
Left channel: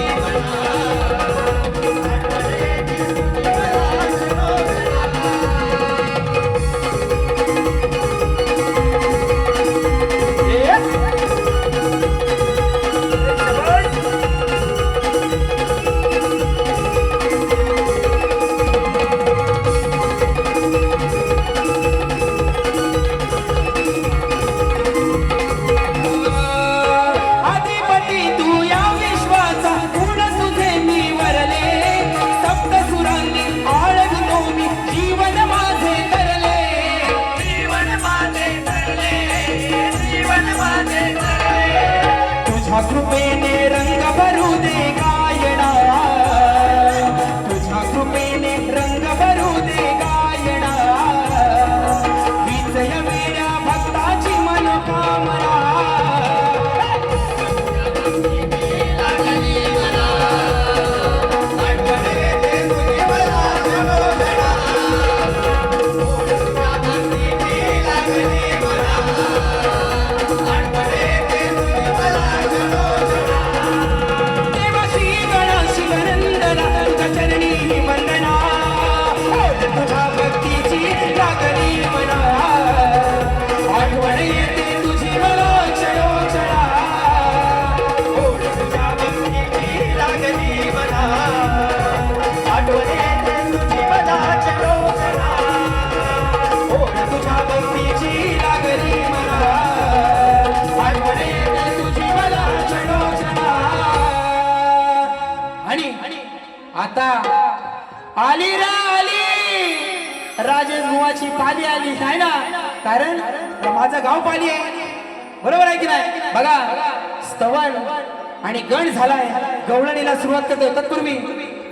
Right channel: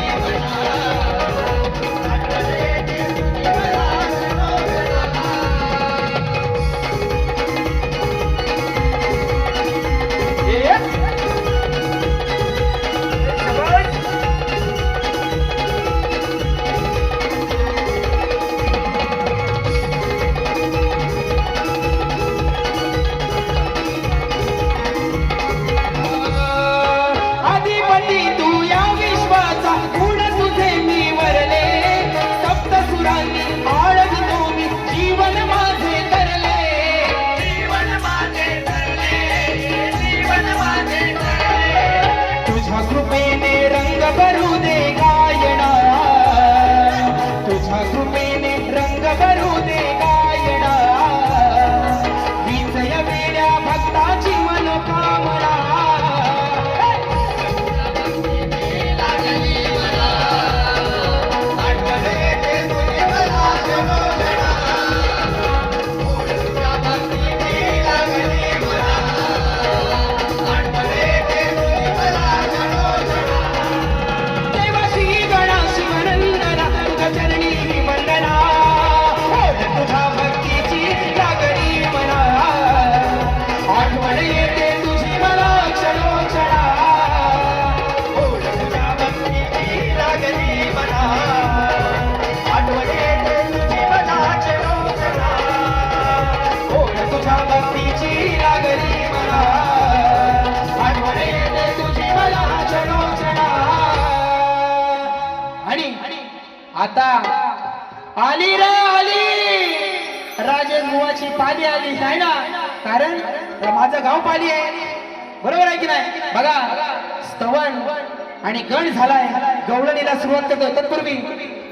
आता आली रे आली, राजेश बुवाची पाली आली नाही ना, कारण माझं गाव पाली आहे, बरोबर आहे की नाही? बघा स्तवन आणि गण झालाय, गवळणीला सुरुवात करतो. तत्पूर्वी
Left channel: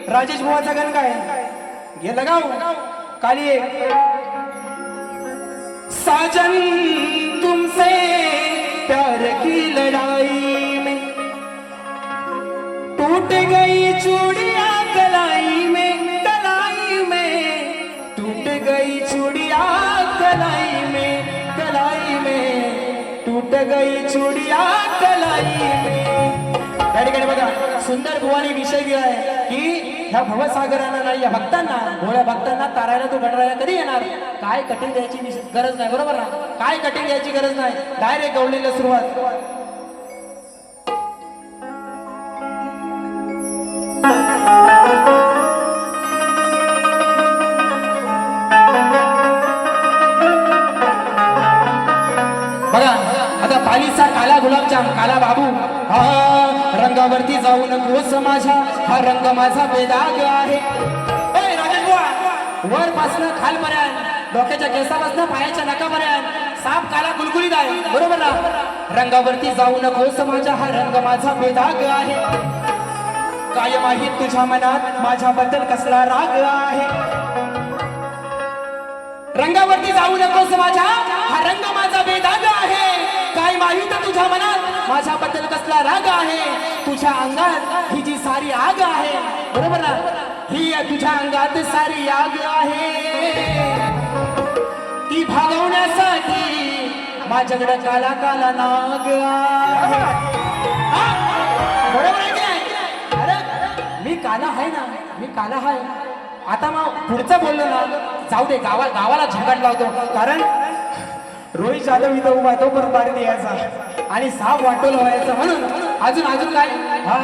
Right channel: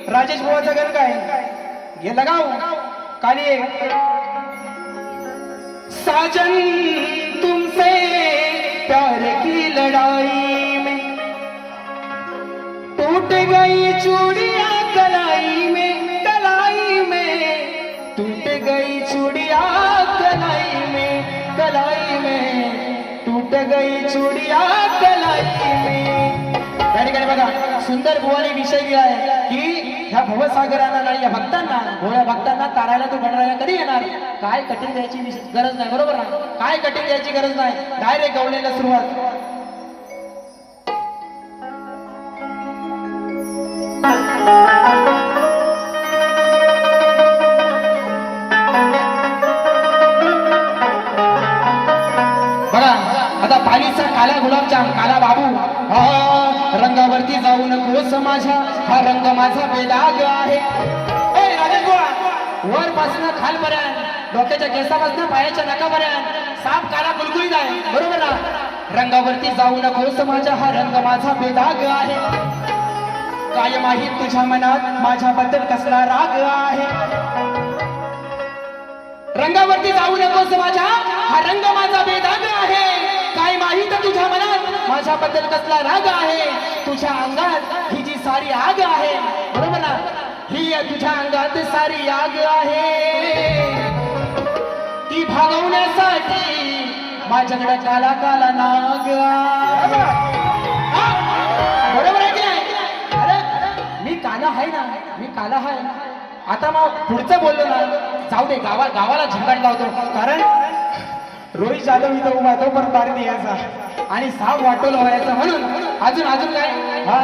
राजेश बुवाचा गण काय घे लगाव काली साजन तुमसे प्यार की लड़ाई में टूट गई चूड़िया कलाई में टूट गई चूड़िया कलाई में टूट गई चूड़िया कलाई में. या ठिकाणी बघा सुंदर बुवानी विषय दिला आहे की ह्या भवसागराला, या भक्तांना, भोळ्या भक्तांना तारायला तो गणराया कधी येणार, काय कठीण द्यायची गरज नाही, बरोबर ना? काय कठीण द्यायची गरज नाही, डायरेक्ट गवळणीला सुरुवात. बघा आता पालीचा काला गुलाबजाम, काला बाबू, हा रंगावरती जाऊ नकोस माझ्या, हा रंग माझा बेदाग आहे. ए राजेश बुवा, वर पासून खालपर्यंत, डोक्याच्या केसापासून पायाच्या नकापर्यंत साप काला गुलगुलीत आहे, बरोबर ना? रंगावरती जाऊ नकोस माझ्या, हा रंग माझा बेदाग आहे. काय माहित तुझ्या मनात माझ्याबद्दल कसला राग आहे. रंगावरती जाऊ नकोस माझ्या, हा रंग माझा बेदाग आहे. काय माहित तुझ्या मनात माझ्याबद्दल कसला राग आहे. तुझ्या अंगात ही जी सारी आग आहे, बरोबर ना? ही तुझ्या अंगात सारी आग आहे, ती भागवण्यासाठी माझ्याकडे काला काला नाग आहे. बरोबर आहे की नाही? अरे मी काला आहे ना, मी काला आहे. आता मग पुढचं बोललो ना, जाऊ दे, गावाला झंगाट लावतो, कारण रोहित जाधव इथं उभा तो परत बारी द्यायचा आणि साप वाटोला व्हायचा, म्हणून अजून काय, हा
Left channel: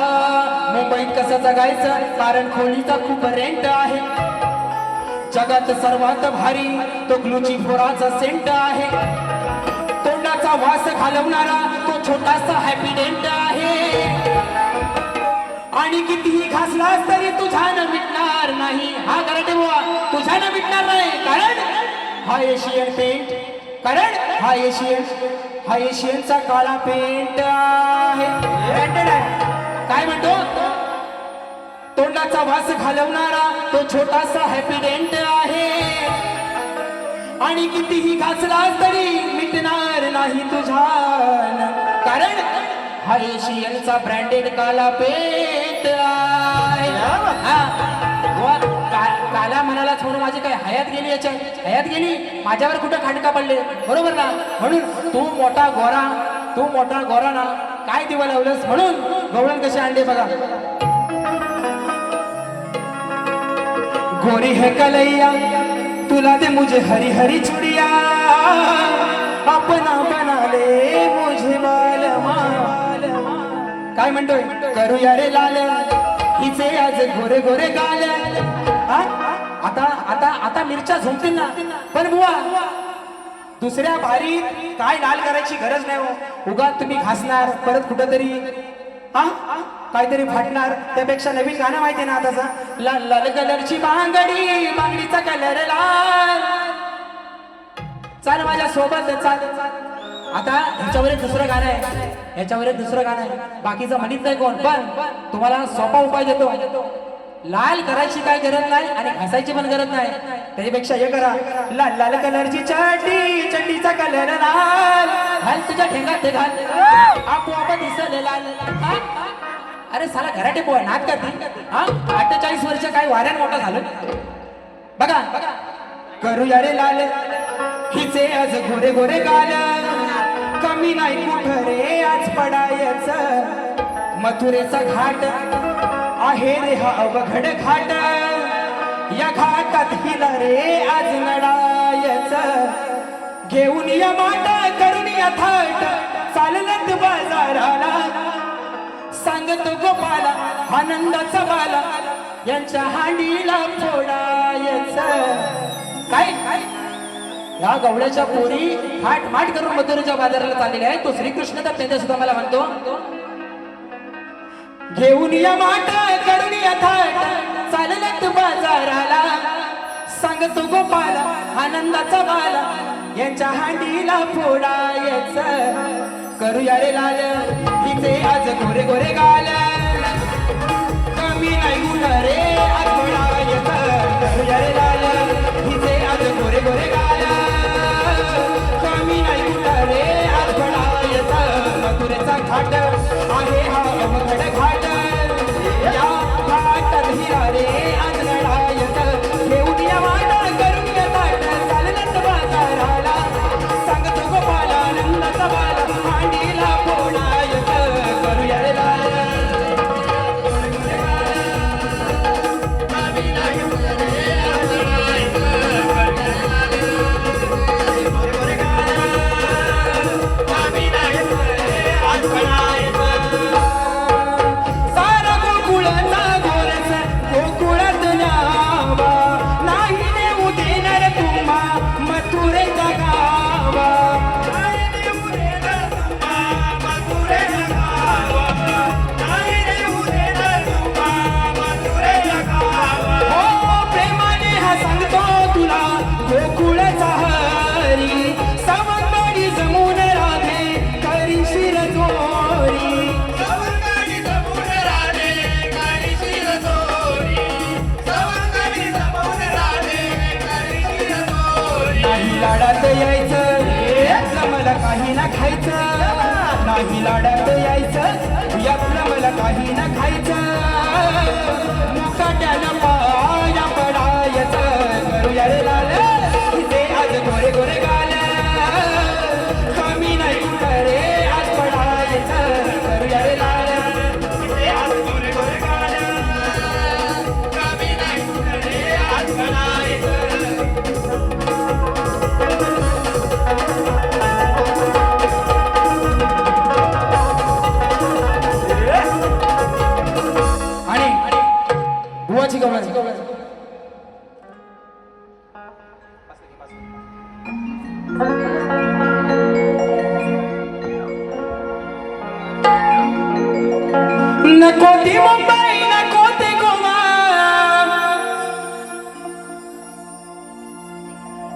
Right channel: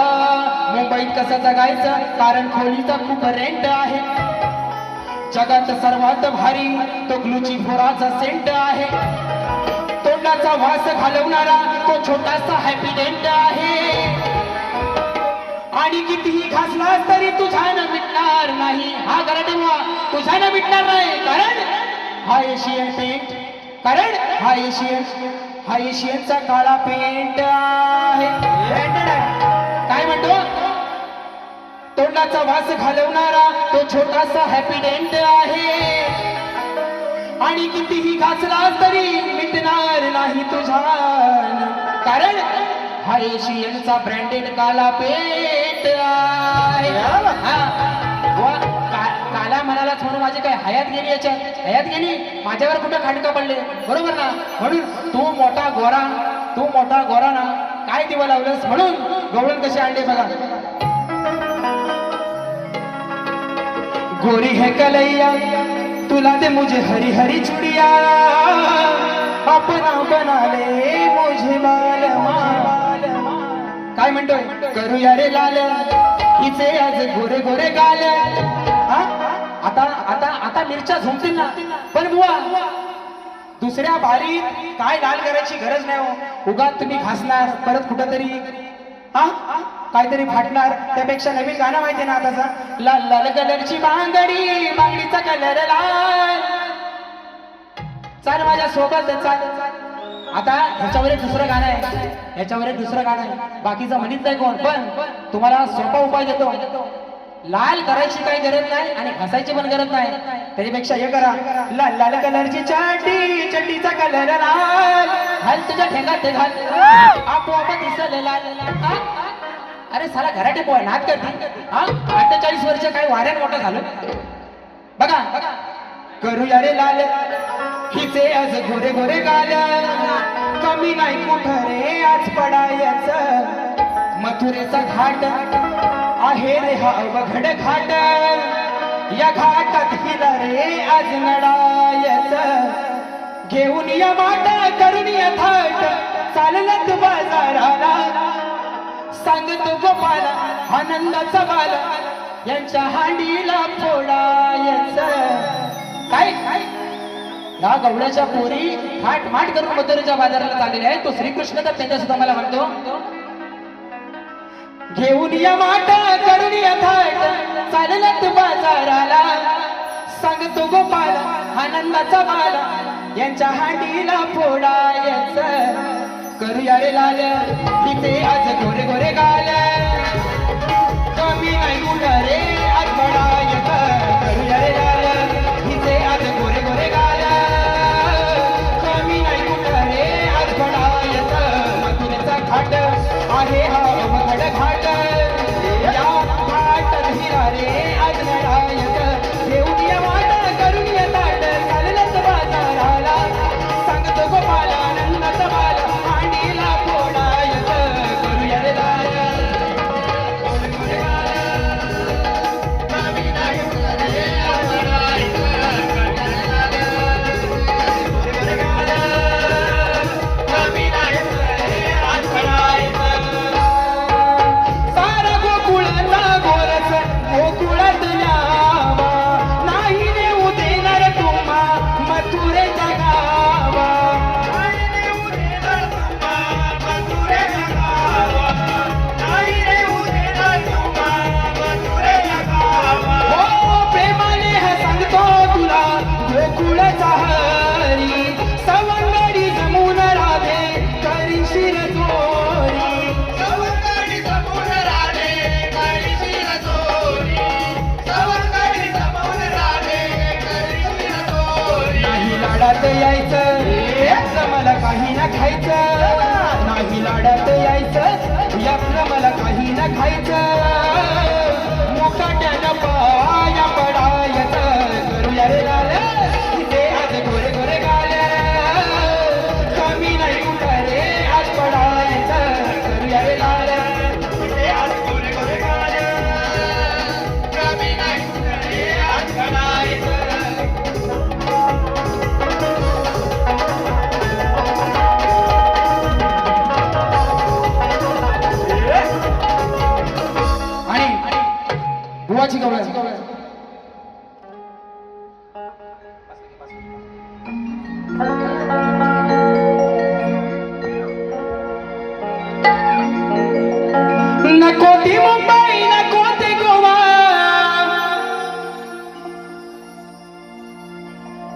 मुंबईत कसं जगायचं, कारण खोलीचा खूप रेंट आहे. जगात सर्वात भारी तो ग्लुची फोराचा सेंट आहे. तोंडाचा वास घालवणारा तो छोटासा हॅपी डेंट आहे. आणि कितीही घासला तरी तुझ्यानं मिटणार नाही, हा गराटे बुवा, तुझ्यानं मिटणार नाही, कारण हा एशियन पेंट, कारण हा एशियनचा काळा पेंट आहे. काय म्हणतो, तोंडाचा वास घालवणारा तो छोटासा हॅपी डेंट आहे. आणि कितीही घासला तरी मिटणार नाही तुझ्यानं, कारण हा एशियनचा ब्रँडेड काला पेंट आहे. काला म्हणालाच म्हणून माझी काय हयात गेली, याच्यात हयात गेली, माझ्यावर कुठं खांडका पडले, बरोबर ना? म्हणून तू मोठा गोरा ना, काय दिवं लावलंस, म्हणून गवळण कशी आणले बघा. गोरी है कलैया तुला दे मुझे हरी हरी चुड़िया, अपना बना ले मुझे मालमा. काय म्हणतोय, करूया रे लाल हिचे आज गोरे गोरे गाल. आता मिरच्या झोपतील ना, पण बुवा दुसऱ्या बारीत काय लाल करायची गरज नाही हो. उगा तुम्ही घासणार, परत कुठंतरी काहीतरी फाटणार, त्यापेक्षा नवीन गाणं माहिती ना आताचा, लाल लाल कलरची बांगडी, बांगडीचा कलर लाल, चाल माझ्या सोबत चाल. आता ह्याच्यावर एक दुसरं गाणं आहे, बाकीचं म्हणत नाही कोण, पण तुम्हाला सोपा उपाय देतो. लाल करायची काय गरज नाही आणि घासायची पण गरज नाही, त्याच्यापेक्षा हे करा, लाल लाल कलरची चड्डी, चड्डीचा कलर लाल, घाल तुझ्या ठेंगात घाल, आपोआप दिसले लाल. अरे साला घराटे पोय नाक करते, 48 वर्ष काय वाऱ्यान मोठं झालं. बघा करूया रे लाल हिचे आज गोरे गोरे गाल, कमी नाही कुठं रे आज पडायचं, मथुरेचा घाट आहे रे हा अवघड घाट, या घाटात हिला रे आज लढायचं, घेऊन या माट करून या थाट, चालत बाजाराला, सांगतो गोपाला आनंदाचा बाला, यांच्या हांडीला फोडायचं. काय या गवळ्याच्या पोरी थाट माट करून मथुरेच्या बाजाराला चाललेल्या आहेत. तो श्रीकृष्ण तर त्यांच्या सुद्धा मला म्हणतो, घेऊन या माठ करून या थाट चालल्यात बाजाराला सांगतो गोपाल आनंदाचा बाल यांच्या हांडीला फोडायचं करूया रे लाल तिथे आज गोरे गोरे गाल कमी नाही गुण रे आज फोडायचं करूया रे लाल तिथे आज गोरे गोरे गाल कमी नाही गुण रे आज फोडायचं मथुरेचा घाट आहे हा अवघड घाट या घाटात हिरा रे आज फोडायचं घेऊन या वाट करून या ताट चालल्यात बाजाराला सांगतो गोपाल आनंदाचा बाल मांडीला फोडायचं करूया रे लाल सारा गोकुळाचा गोरस गोकुळात न्याव नाही नेऊ देणार तुम्हा मथुरेच्या गाव नाही नेऊ देणार तुम्हा मथुरेच्या गाव नाही नेऊ देणार तुम्हा मथुरेच्या गाव हो प्रेमाने हा सांगतो तुला गोकुळाचा हरी सवंगडी जमून राधे करी शिर चोरी सवंगडी जमून राधे करी शिर चोरी सवंगडी जमून राधे करी शिर चोरी नाही लाडात यायचं यातलं मला काही ना खायचं नाही लाडात यायचं यातलं मला काही ना खायचं मुकाट्यानं पाया पडायचं करूया रे लाल तिथे आज गोरे गोरे गाल कमी नाही कुठ रे आज पडायचं करूया रे लाल तिथे आज गोरे गोरे गाल कमी नाही कुठ रे आज पडायचं आणि बुवाची गवळण नको ती मुंबई नको ती गोवा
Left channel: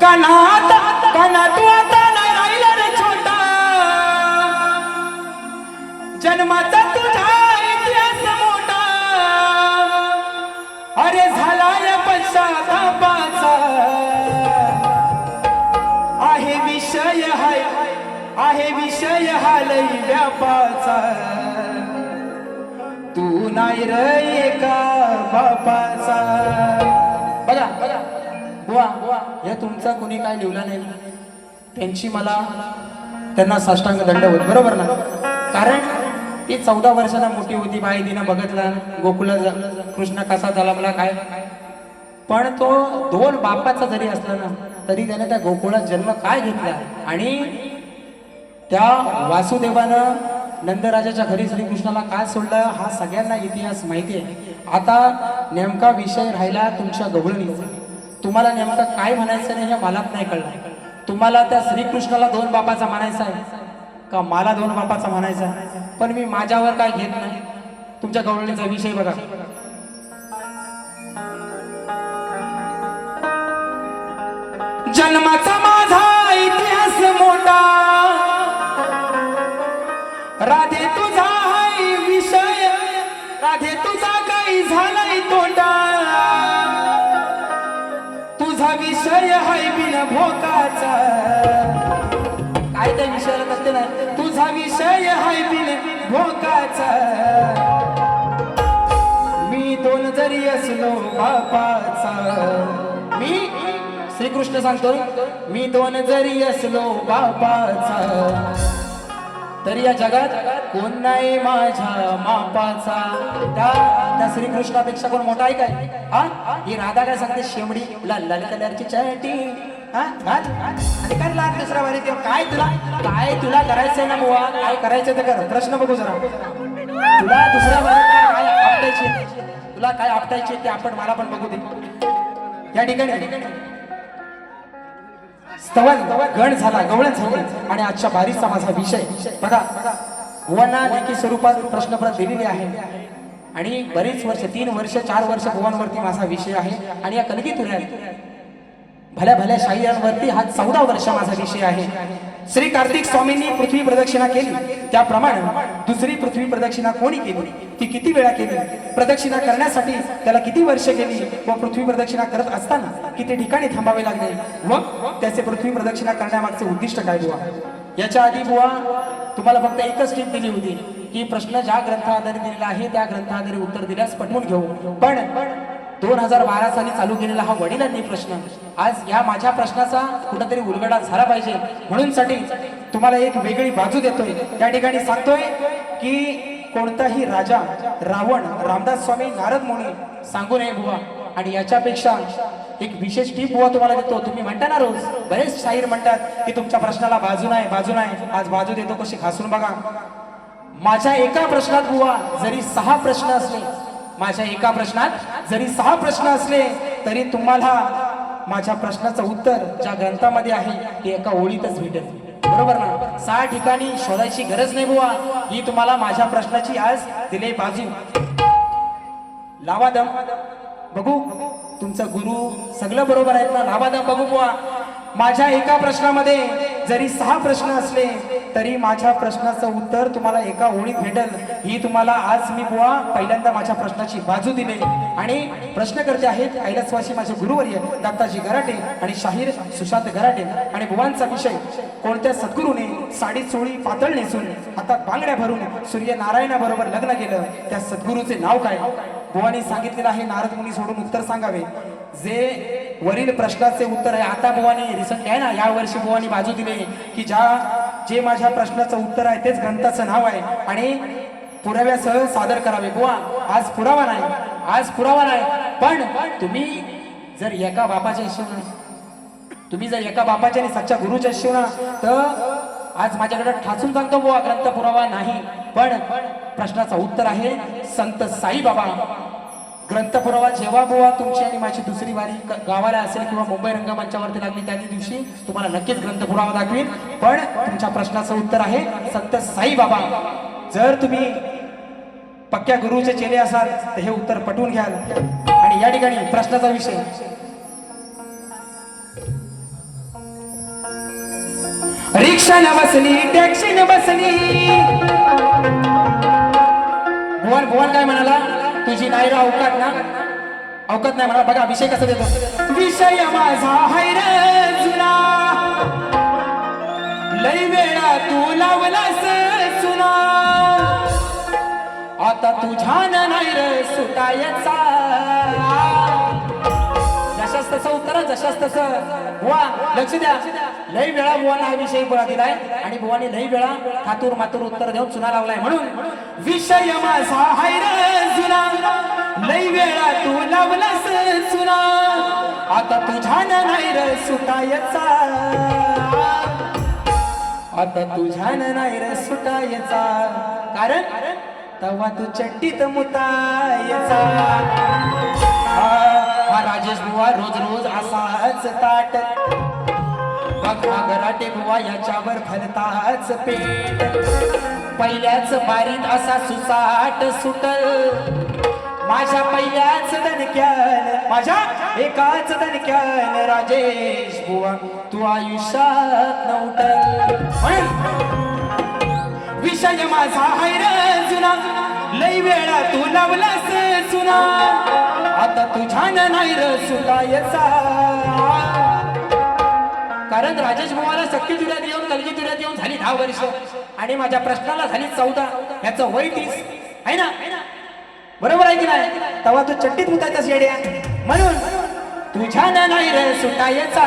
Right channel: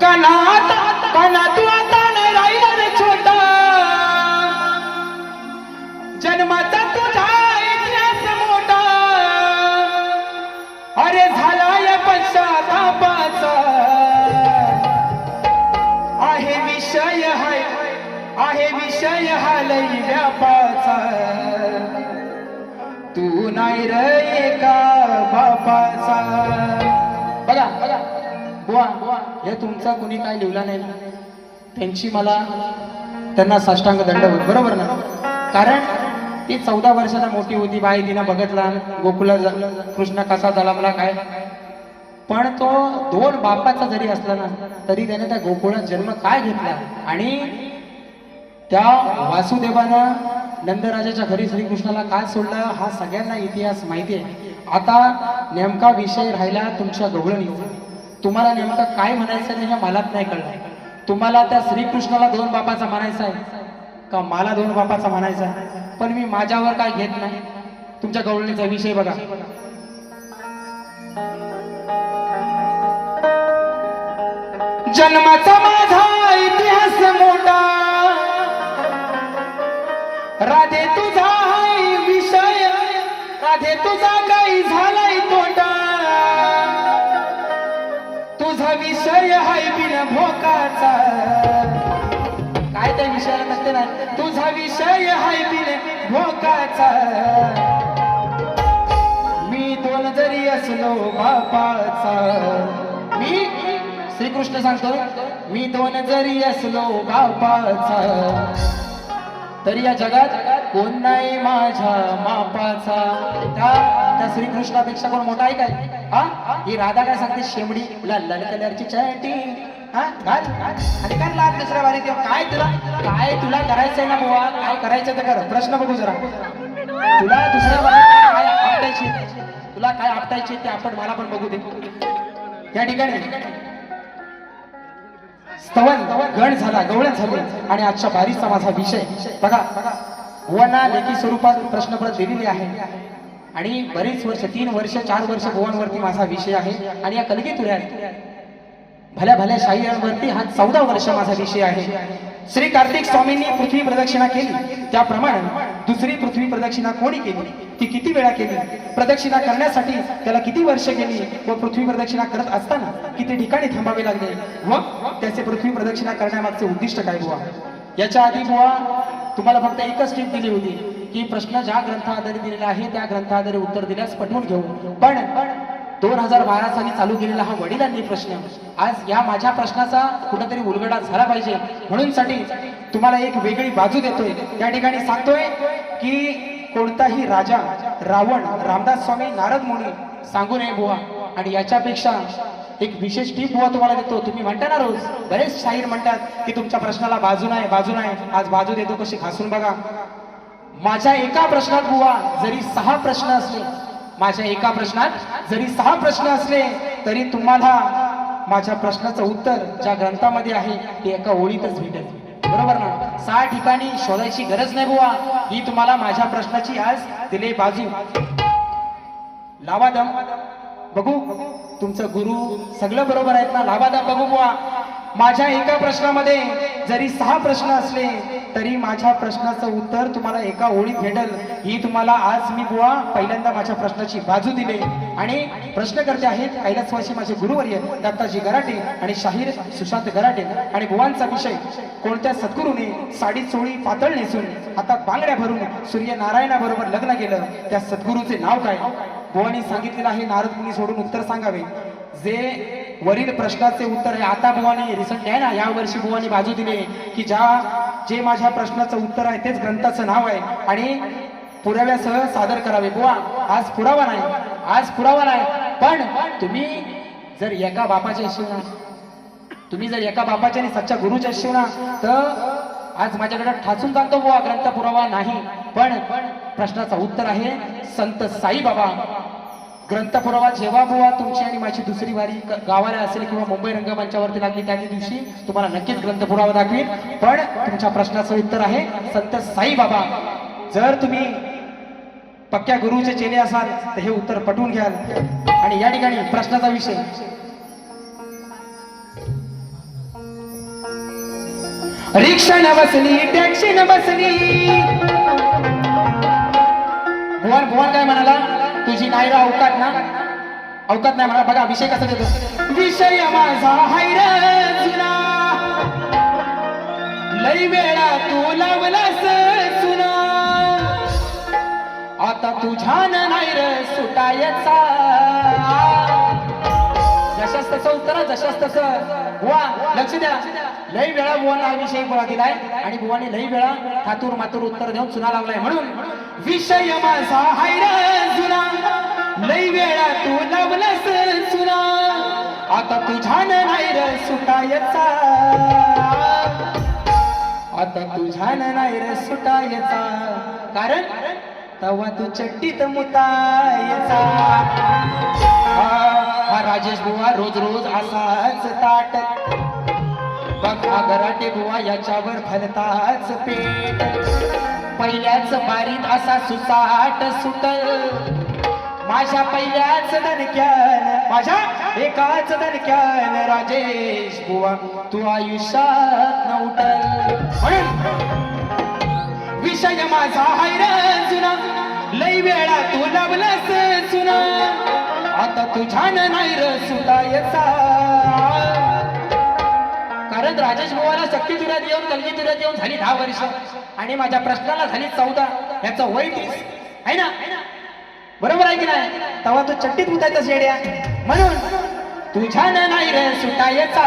कणा तू आता ना राहिला रे छोटा जन्माचा तुझा इतिहास मोठा अरे झाला या पश्चातापाचा आहे विषय हा लई व्यापाचा तू नाही रे का बापाचा बघा बुवा हे तुमचा कुणी काय लिहिला नाही त्यांची मला त्यांना साष्टांग दंडवत बरोबर ना कारण ती 14 वर्षाला मोठी होती बाई तिनं बघितला गोकुला कृष्ण कसा झाला मला काय पण तो 2 बापाचा जरी असला ना तरी त्याने त्या गोकुळात जन्म काय घेतला आणि त्या वासुदेवानं नंदराजाच्या घरी श्रीकृष्णाला काय सोडलं हा सगळ्यांना इतिहास माहिती आहे आता नेमका विषय राहिला तुमच्या गवळणीचा तुम्हाला नेमकं काय म्हणायचं नाही हे मलाच नाही कळलं तुम्हाला त्या श्रीकृष्णाला 2 बापाचा म्हणायचा आहे का मला 2 बापाचा म्हणायचा पण मी माझ्यावर काय घेत नाही तुमच्या गवळणीचा विषय बघा जन्माचा माझा इतिहास मोठा राधे तुझा हाय विषय राधे तुझा काही झालाय तोटा तुझा विषय हाय बिन भोकाचा काय त्या विषयाला म्हणते ना तुझा विषय हाय बिन भोकाचा मी 2 जरी असलो बापाचा मी श्रीकृष्ण सांगतो मी 2 जरी असलो बापाचा तरी या जगात कोण नाही माझ्या मापाचा त्या श्रीकृष्णापेक्षा कोण मोठा आहे काय हा ही राधा काय सांगते शेवडी लाल लाल कलरची चटी हा घाल आणि काय लाल दुसऱ्या वारी काय तुला करायचंय ना बुवा काय करायचंय ते कर प्रश्न बघू जरा तुला दुसऱ्या वारी काय आपटायची तुला काय आपटायची ते आपण मला पण बघू दे या ठिकाणी स्तवन गण झाला गवळण झाली आणि आजच्या बारीचा माझा विषय बघा बुवांना लेखी स्वरूपात प्रश्नपत्र दिलेले आहे आणि बरेच वर्ष 3 वर्ष 4 वर्ष बुवांवरती माझा विषय आहे आणि या कलगी तुऱ्यात भल्या भल्या शाहिरांवरती हा 14 वर्ष माझा विषय आहे. श्री कार्तिक स्वामींनी पृथ्वी प्रदक्षिणा केली त्याप्रमाणे दुसरी पृथ्वी प्रदक्षिणा कोणी केली, ती किती वेळा केली, प्रदक्षिणा करण्यासाठी त्याला किती वर्ष गेली व पृथ्वी प्रदक्षिणा करत असताना किती ठिकाणी थांबावे लागले व त्याचे पृथ्वी प्रदक्षिणा करण्यामागचे उद्दिष्ट काय बुवा. याच्या आधी बुवा तुम्हाला फक्त एकच टीप दिली होती की प्रश्न ज्या ग्रंथाआधारे दिलेला आहे त्या ग्रंथाआधारे उत्तर दिल्यास पटवून घेऊ. पण 2012 साली चालू केलेला हा वडिलांनी प्रश्न आज या माझ्या प्रश्नाचा कुठेतरी उलगडा झाला पाहिजे म्हणून साठी तुम्हाला एक वेगळी बाजू देतोय. त्या ठिकाणी सांगतोय की कोणताही राजा रावण रामदास स्वामी नारद मुनी सांगू नये बुवा. आणि याच्यापेक्षा एक विशेष टीप बुवा तुम्हाला देतो. तुम्ही म्हणता ना रोज बरेच शाहीर म्हणतात की तुमच्या प्रश्नाला बाजू नाही बाजू नाही, आज बाजू देतो कशी घासून बघा. माझ्या एका प्रश्नात बुवा जरी 6 प्रश्न असले, माझ्या एका प्रश्नात जरी 6 प्रश्न असले तरी तुम्हाला माझ्या प्रश्नाचं उत्तर ज्या ग्रंथामध्ये आहे ते एका ओळीतच भेटेल. बरोबर ना? 6 ठिकाणी शोधायची गरज नाही बुवा. ही तुम्हाला माझ्या प्रश्नाची आज दिले बाजू. लावा दम बघू तुमचं गुरु सगळं बरोबर आहेत ना? लावा दम बघू बुवा. माझ्या एका प्रश्नामध्ये जरी 6 प्रश्न असले तरी माझ्या प्रश्नाचं उत्तर तुम्हाला एका ओळीत भेटेल. ही तुम्हाला आज मी बुवा पहिल्यांदा माझ्या प्रश्नाची बाजू दिली. आणि प्रश्न करते आहेत कैलासवासी माझे गुरुवर्य दत्ताजी गराटे आणि शाहीर सुशांत गराटे. आणि बुवांचा विषय कोणत्या सद्गुरूने साडी चोळी पातळ नेसून हातात बांगड्या भरून सूर्यनारायणाबरोबर लग्न केलं त्या सद्गुरूचे नाव काय. बुवांनी सांगितलेलं आहे नारद मुनी सोडून उत्तर सांगावे. जे वरील प्रश्नाचे उत्तर आहे आता बुवानी रिसंट आहे ना, या वर्षी बुवानी बाजू दिली की जे माझ्या प्रश्नाचं उत्तर आहे तेच ग्रंथाचं नाव आहे आणि पुराव्यासह सादर करावे. बुवा आज पुरावा नाही, आज पुरावा नाही. पण तुम्ही जर एका बापाचे असो ना, तुम्ही जर एका बापाचे आणि सच्चा गुरुचे असो ना, तर आज माझ्याकडे ठासून सांगतो बुवा ग्रंथ पुरावा नाही. पण प्रश्नाचं उत्तर आहे संत साईबाबा. ग्रंथ पुरावा जेव्हा बुवा तुमची आणि माझी दुसरी वारी गावाला असेल किंवा मुंबई रंगमंचावरती लागली त्या दिवशी तुम्हाला नक्कीच ग्रंथ पुरावा दाखवीन. पण तुमच्या प्रश्नाचं उत्तर आहे संत साईबाबा. जर तुम्ही पक्क्या गुरुचे चेले असाल तर हे उत्तर पटवून घ्याल. आणि या ठिकाणी प्रश्नाचा विषय रिक्षा न बसली टॅक्सी न बसली. भुवन भुवन काय म्हणाला, तुझी नाही अवकात ना, अवकात नाही म्हणा. बघा विषय कसा देतो. विषय माझा हैर जुना लई वेळा तू लावलास सुना आता तुझ्यान नाही रे सुटायचा. जशाच तसं उत्तर जशाच तसं. बुवा लक्ष द्या. लई वेळा बुवाला हा विषय बोला दिलाय आणि बुवाने लई वेळा थातूर मातूर उत्तर देऊन चुना लावलाय. म्हणून विषय माझा हैर जुना लई वेळा तू लावलास सुना आता तुझ्यान नाही रे सुटायचा. आता तुझ्यान नाही रे सुटायचा. कारण तवा तू चट्टीत मुतायचा. हा राजेश बुवा रोज रोज असाच ताट बघा गराटे बुवा याच्यावर घालताच पेट. पहिल्याच बारीत असा सुसाट सुटल माझ्या पहिल्याच दणक्यान, माझ्या एकाच दणक्यान राजेश बुवा तू आयुष्यात नव्हतं. विषय माझा हैर जुना लई वेळा तू लावलास सुना आता तुझ्यान नाही रे सुटायचा. कारण राजेश बुवाला शक्ती तुऱ्यात येऊन कलगी तुऱ्यात येऊन झाली 10 वर्ष आणि माझ्या प्रश्नाला झाली 14. याचं वय 30 आहे ना, बरोबर आहे की नाही. तेव्हा तू चट्टीत मुतायचा शेड्या. म्हणून तुझ्यान नाही रे सुटायचा,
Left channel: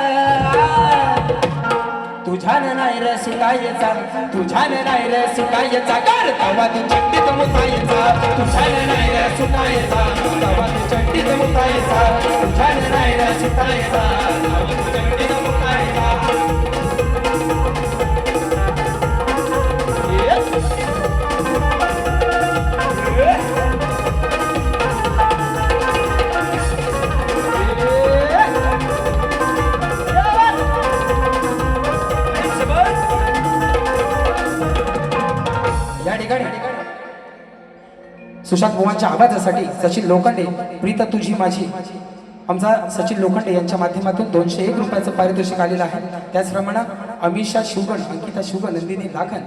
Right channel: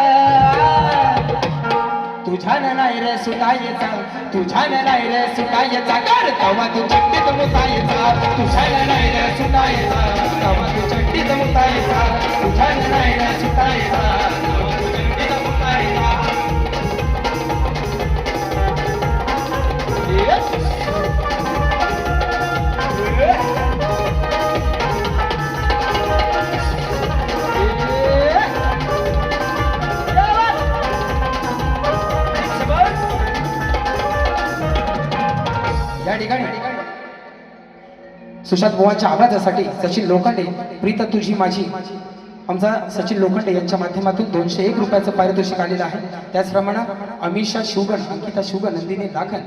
तुझ्यान नाही रे सुटायचा, तुझ्यान नाही रे सुटायचा. कर तेव्हा तू चट्टीत मुतायचा, तुझ्यान नाही रे सुटायचा. तेव्हा तू चट्टीत मुतायचा, तुझ्यान नाही रे सुटायचा. चट्टीत मुतायचा. सुशांत बुवांच्या आवाजासाठी सचिन लोखंडे प्रीत तुझी माझी आमचा सचिन लोखंडे यांच्या माध्यमातून 201 रुपयाचं पारितोषिक आलेलं आहे. त्याचप्रमाणे अमिषा शिवगण, अंकिता शिवगण, नंदिनी लाखन,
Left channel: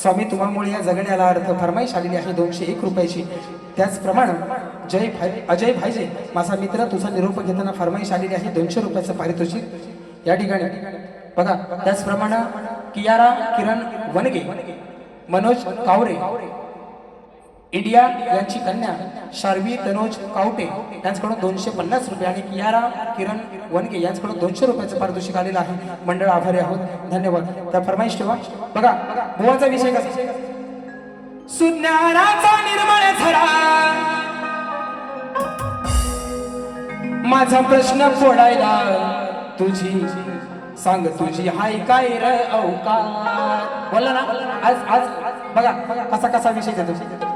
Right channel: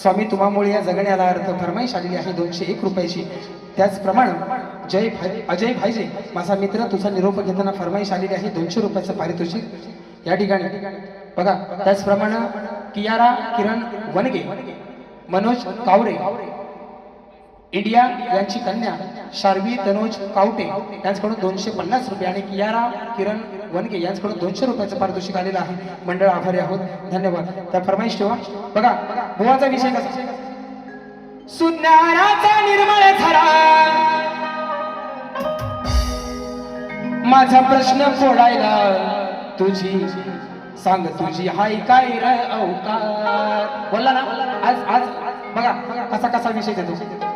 स्वामी तुम्हामुळे या जगण्याला अर्थ फरमाईश आलेली आहे 201 रुपयाची. त्याचप्रमाणे अजय भाईजे माझा मित्र तुझा निरोप घेताना फरमाईश आलेली आहे 200 रुपयाचं पारितोषिक या ठिकाणी बघा. त्याचप्रमाणे कियारा किरण वनगे, मनोज कावरे इंडिया यांची कन्या शार्वी तनोज कावटे यांच्याकडून 250 रुपये आणि कियारा किरण वनगे यांच्याकडून 200 रुपयाचं पारितोषिक आलेलं आहे. मंडळ आभारी आहोत, धन्यवाद. तर फरमाईश ठेवा. बघा बुवाचा विषय कसा, सुज्ञानाचा निर्मळ झरा माझा प्रश्न फोडायला तुझी सांग तुझी हाय काय र अवकाश. बोला ना आज आज बघा कसा कसा विषय देतो.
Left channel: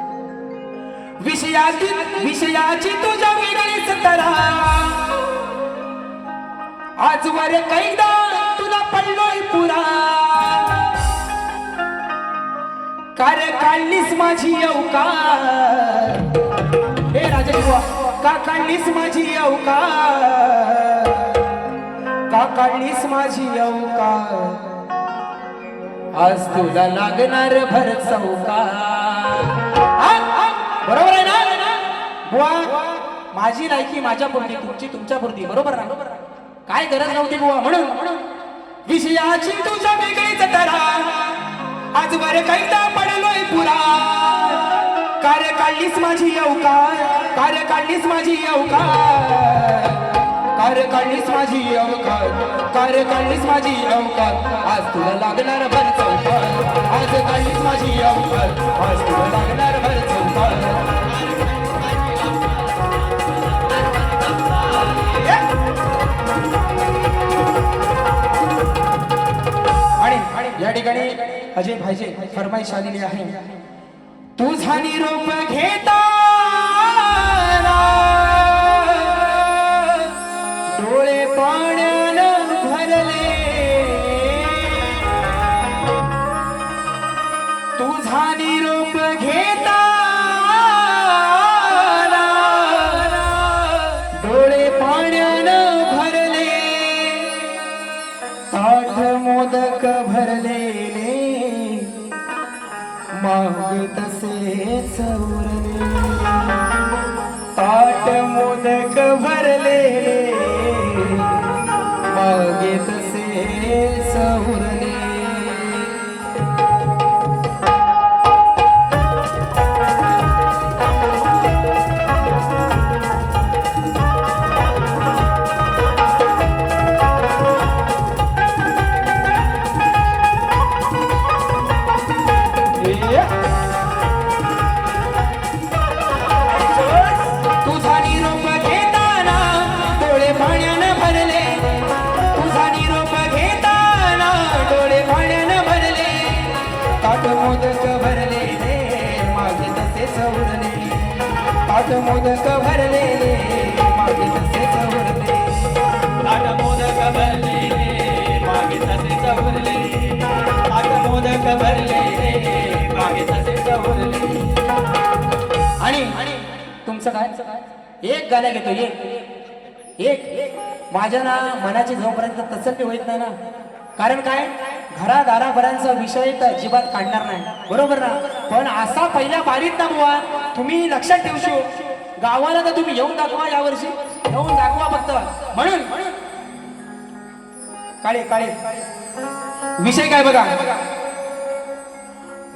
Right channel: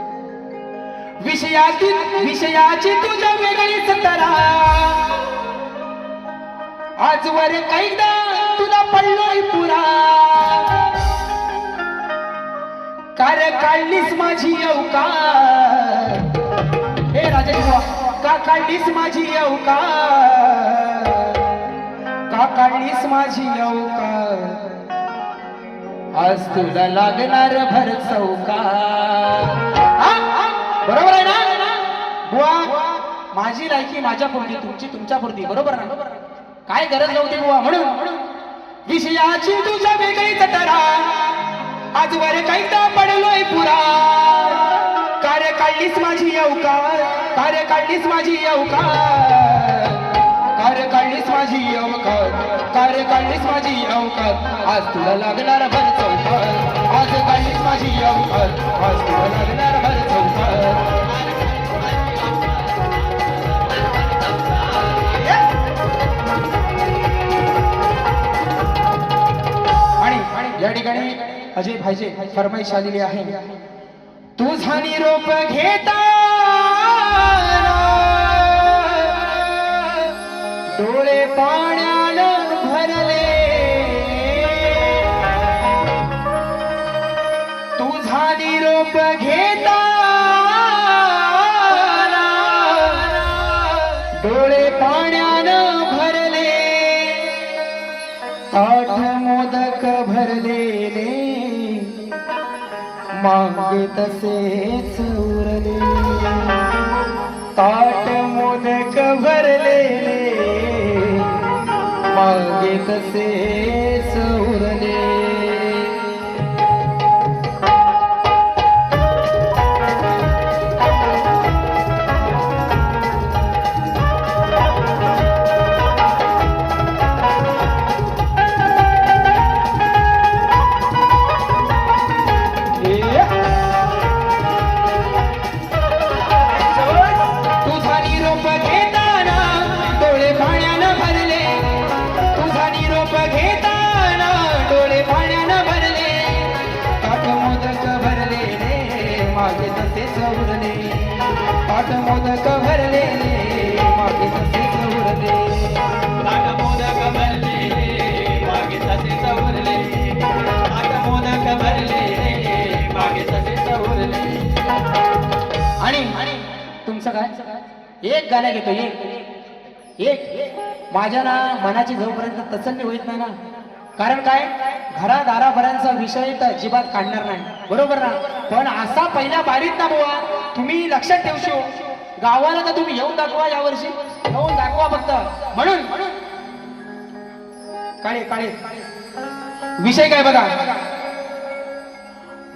विषयाची तुझ्या वेगळीच तरा आजवर कैदा तुला पडलोय पुरा कार्य काढलीस माझी अवकाश. हे राजा बुवा का काढलीस माझी अवकाश, का काढलीस माझी अवकाश, आज तुला लागणार भर चौका. बरोबर आहे ना बुवा, माझी लायकी माझ्या पुरती तुमची तुमच्या पुरती, बरोबर ना. काय गरज नव्हती बुवा. म्हणून विषयाची तुझ्या वेगळीच तरा आजवर कैदा पडलोय पुरा कार्य काढलीस माझी अवकाश, कार्य काढलीस माझी अवकाश, कार्य काढलीस माझी अवकाश, कार्य काढलीस माझी अवकाश, आज तुला लागणार भर चौकाश, आज काढलीस माझी अवकाश, आज तुला लागणार भर चौकाश. आणि या ठिकाणी अजय भाईजे फरमाईश आलेली आहे. तुझा निरोप घेता डोळे पाण्यानं भरले, तुझा निरोप घेता डोळे पाण्यानं भरले, ताठ मोदक भरलेले मागे तसेच उरले, ताट मोदक भरलेले मागे तसेच उरले. तुझा निरोप घेताना डोळे पाण्यानं भरले, तुझा निरोप घेताना डोळे पाण्यानं भरले, ताट मोदक भरलेले मागे तसेच उरले, ताट मोदक भरलेले मागे तसेच उरले, ताट मोदक भरलेले मागे तसेच उरले, ताट मोदक भरलेले मागे तसेच उरले. आणि तुमचं काय एक गाण्या घेतो, एक माझ्या ना मनाची जोपर्यंत तसल्ली होत नाही ना, कारण काय घरादाराभरांचा विषय तर अजिबात काढणार नाही, बरोबर ना. पण असा पहिल्या बारीत ना बुवा तुम्ही लक्षात ठेवशो, गावाला तर तुम्ही येऊन दाखवा, यावर्षी येऊन दाखवा फक्त. म्हणून काळे काळे विषय काय बघा,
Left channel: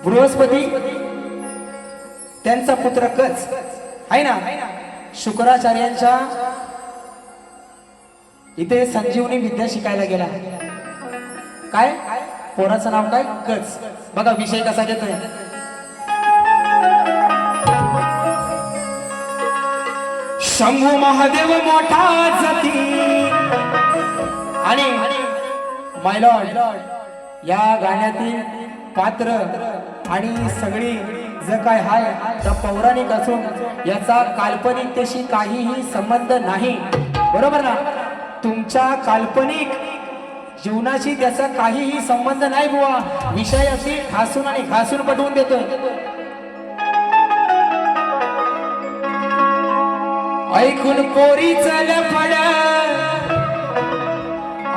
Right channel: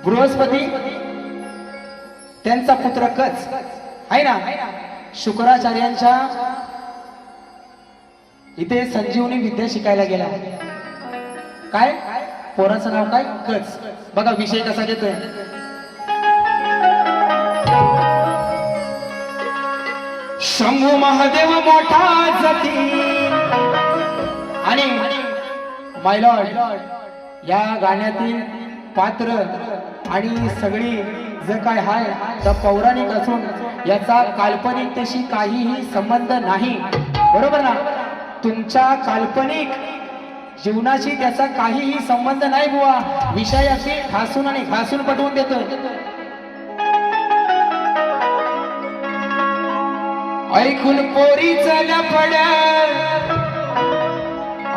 बृहस्पती त्यांचा पुत्र कच आहे ना, शुक्राचार्यांच्या इथे संजीवनी विद्या शिकायला गेला. काय पोराचं नाव काय, कच. बघा विषय कसा देतोय. शंभू महादेव मोठा जाती आणि माय लॉर्ड या गाण्यातील पात्र आणि सगळी जे काय हाय त्या पौराणिक असून याचा काल्पनिकतेशी काहीही संबंध नाही, बरोबर ना. तुमच्या काल्पनिक जीवनाशी त्याचा काहीही संबंध नाही बुवा. विषयाशी ठासून आणि घासून पटवून देतोय. ऐकून पोरीचं लफड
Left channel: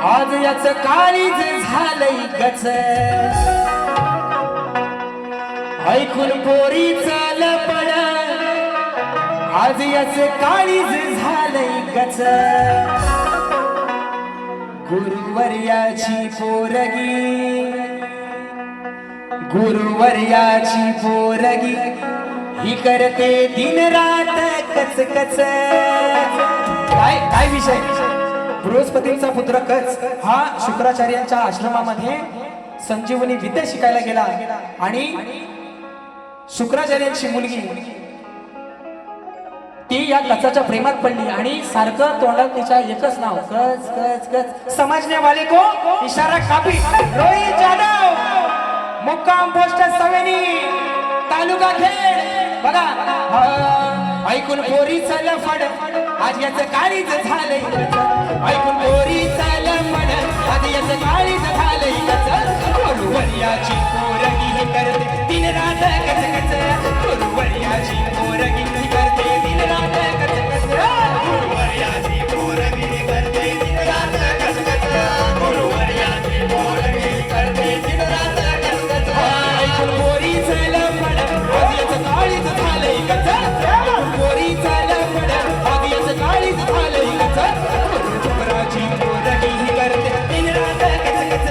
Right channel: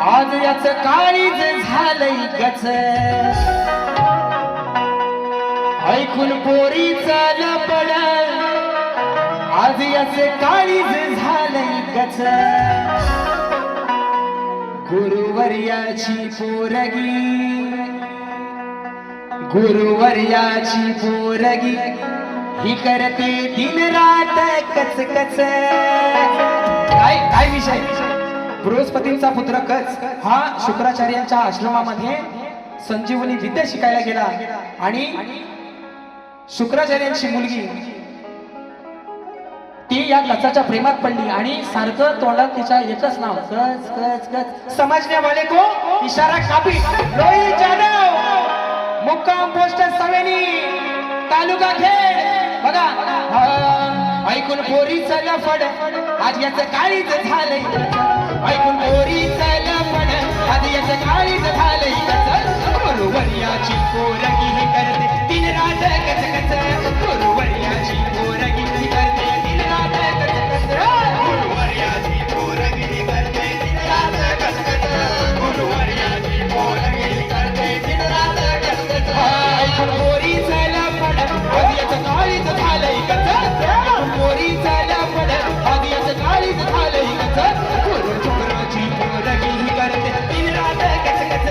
आज याच काळीज झालंय गच ऐकून पोरीचं लफड आज याच काळीज झालंय गच गुरुवर्याची पोरगी गुरुवर्याची पोरगी ही करते दिन रात कच कच काय काय विषय बृहस्पतींचा पुत्र कच हा शुक्राचार्यांच्या आश्रमामध्ये संजीवनी विद्या शिकायला गेला आणि शुक्राचार्यांची मुलगी ती या कचाच्या प्रेमात पडली आणि सारखं तोंडात तिच्या एकच नाव कच कच कच समजने वाले को इशारा कापी रोहित जाधव मुक्काम पोस्ट सवेनी तालुका खेड बघा ऐकून पोरीचा लफड आज याचं काळीच झाले ऐकून पोरीचा लफड आज याचं काळीच झाले गुरुवर्याची पोरगी ही करते दिन रात कच कच गुरुवर्याची पोरगी ही करते दिन रात कच कच गुरुवर्याची पोरगी ही करते दिन रात कच कच गुरुवर्याची पोरगी ही करते दिन रात कच कच ऐकून पोरीचा लफड आज याचं काळीच झालंय कच ऐकून पोरीचा लफड आज याचं काळीच झालंय कच गुरुवर्याची पोरगी ही करते दिन रात कच कच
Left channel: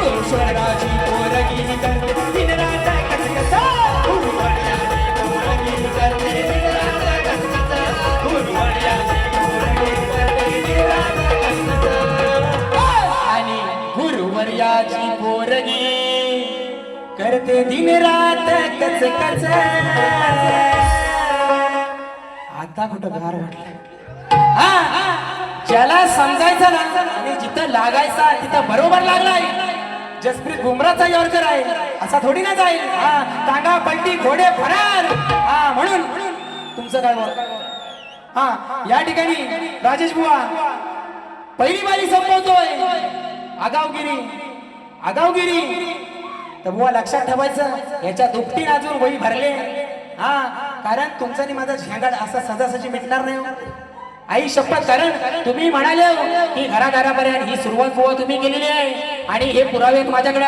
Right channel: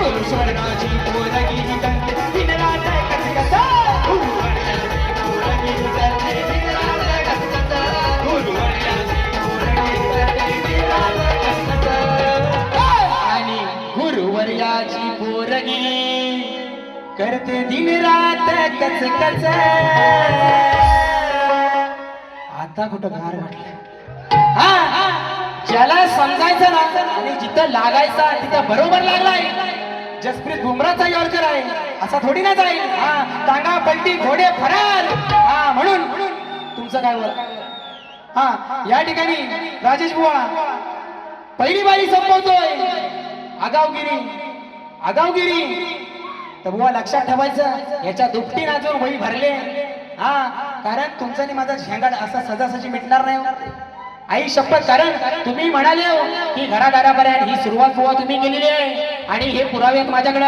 गुरुवर्याची पोरगी ही करते दिन रात कच कच गुरुवर्याची पोरगी ही करते दिन रात कच कच गुरुवर्याची पोरगी ही करते दिन रात कच कच आणि गुरुवर्याची पोरगी करते दिन रात कच कच आता कुठं घर वाटलं ज्याला समजायचं ना आणि जिथं लागायचा तिथं बरोबर लागलाय जसप्रीत बुमराचा यॉर्कर आहे असा थोडी ना जाईल टांगा पलटी घोडे फरार म्हणून तुमचं काय बोल या ठिकाणी राजेश बुवा पहिली बारी संपवतोय आगावगिरी तर बुवा लक्षात ठेवायचं याच्या दुपटी अजून वही भरले कारण तुमचं आणि माझा झेंडा असा सजासजी मिटणार नाही आई शपथ कारण तुम्ही म्हणाले की घराघरापर्यंत ही सुरुवात बुवा तुम्ही केलेली आहे आणि हे पुरावे आहेत माझ्याकडे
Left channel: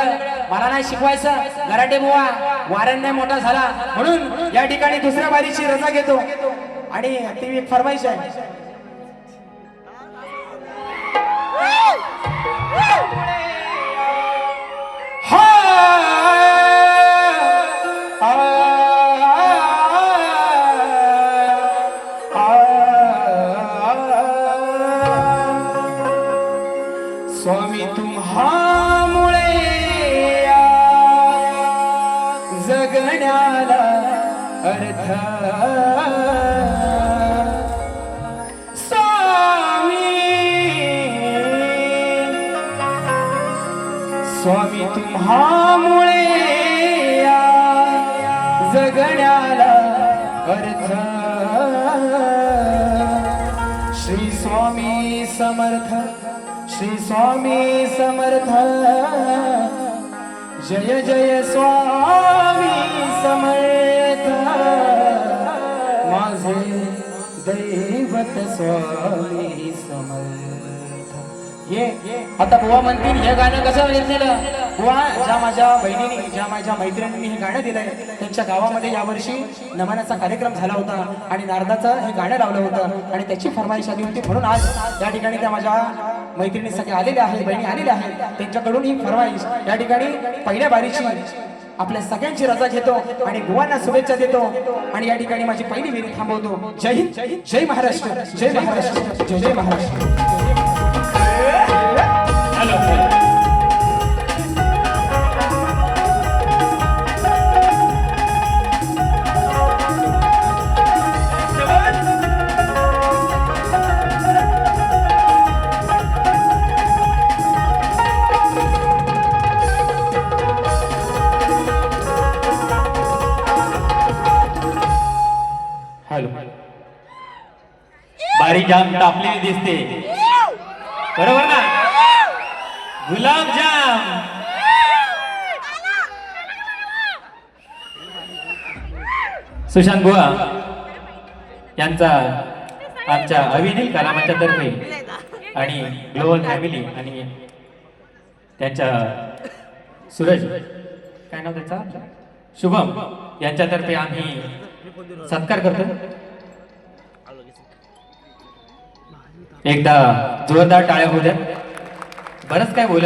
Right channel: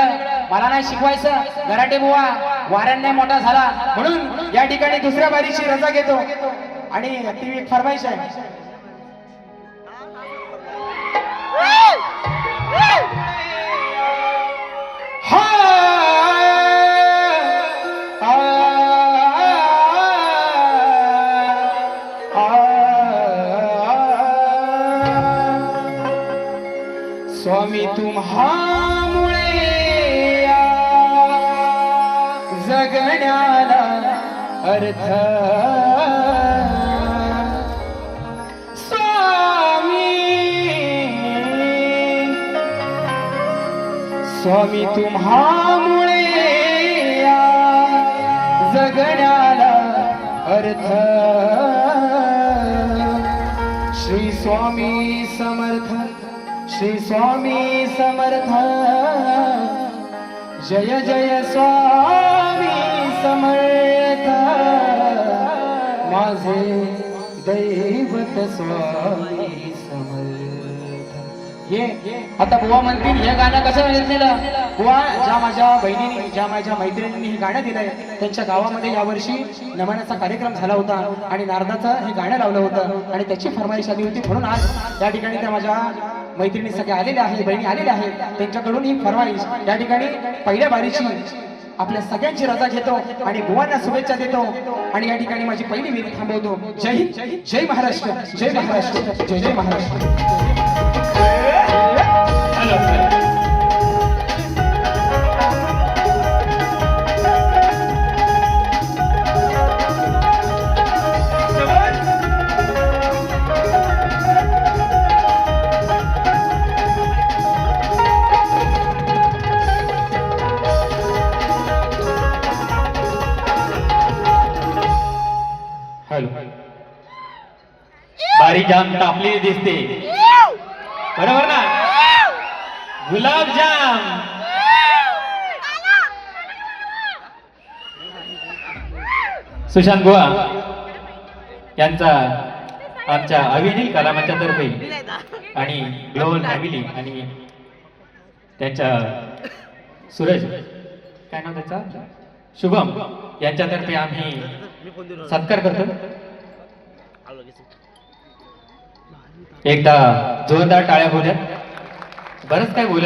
मला नाही शिकवायचं गराटे बुवा वाऱ्यांनी मोठा झाला म्हणून या ठिकाणी दुसऱ्या बारीची रजा घेतो आणि ती एक फरमाईश आहे स्वामी तुम्हामुळे जगण्याला अर्थ स्वामी तुम्हामुळे जगण्याला अर्थ श्री स्वामी समर्थ श्री स्वामी समर्थ जय जय स्वामी समर्थ माझे दैवत स्वामी समर्थ ये आता बुवा म्हणतील हे गाणं कसं दिलं बुवा ज्या माझ्या बहिणीने ज्या माझ्या मैत्रिणींनी हे गाणं दिलंय त्यांच्या गावामध्ये यावर्षी नमनाचा कार्यक्रम झाला होता आणि नारदाचं हे गाणं लावलं होतं आणि त्याची फरमाईश आली होती म्हणून आज या ठिकाणी त्या माझ्या मैत्रिणी सगळे आलेल्या आहेत बहिणी आलेल्या आहेत त्यांच्याकडून ही फरमाईश या ठिकाणी पहिल्या बारीची आपल्या सगळ्यांची रजा घेतो आणि बुवांना शुभेच्छा देतो आणि या ठिकाणी माझी पहिली विनंती थांबवतो जय हिंद जय महाराष्ट्र जय महाराष्ट्र जय जय महाराष्ट्र बारीक जाम तापलेली दिसते बरोबर ना गुलाबजाम सुशांत बुवा यांचा आमच्या अविनील कलामंचातर्फे आणि ग्लोबल फॅमिली आणि त्यांच्या सूरज काय नाव त्याचा शुभम यांच्यातर्फे आम्ही सत्कार करतो. एकदा जोरदार टाळ्या होऊ द्या. बरंच काय बोलायचं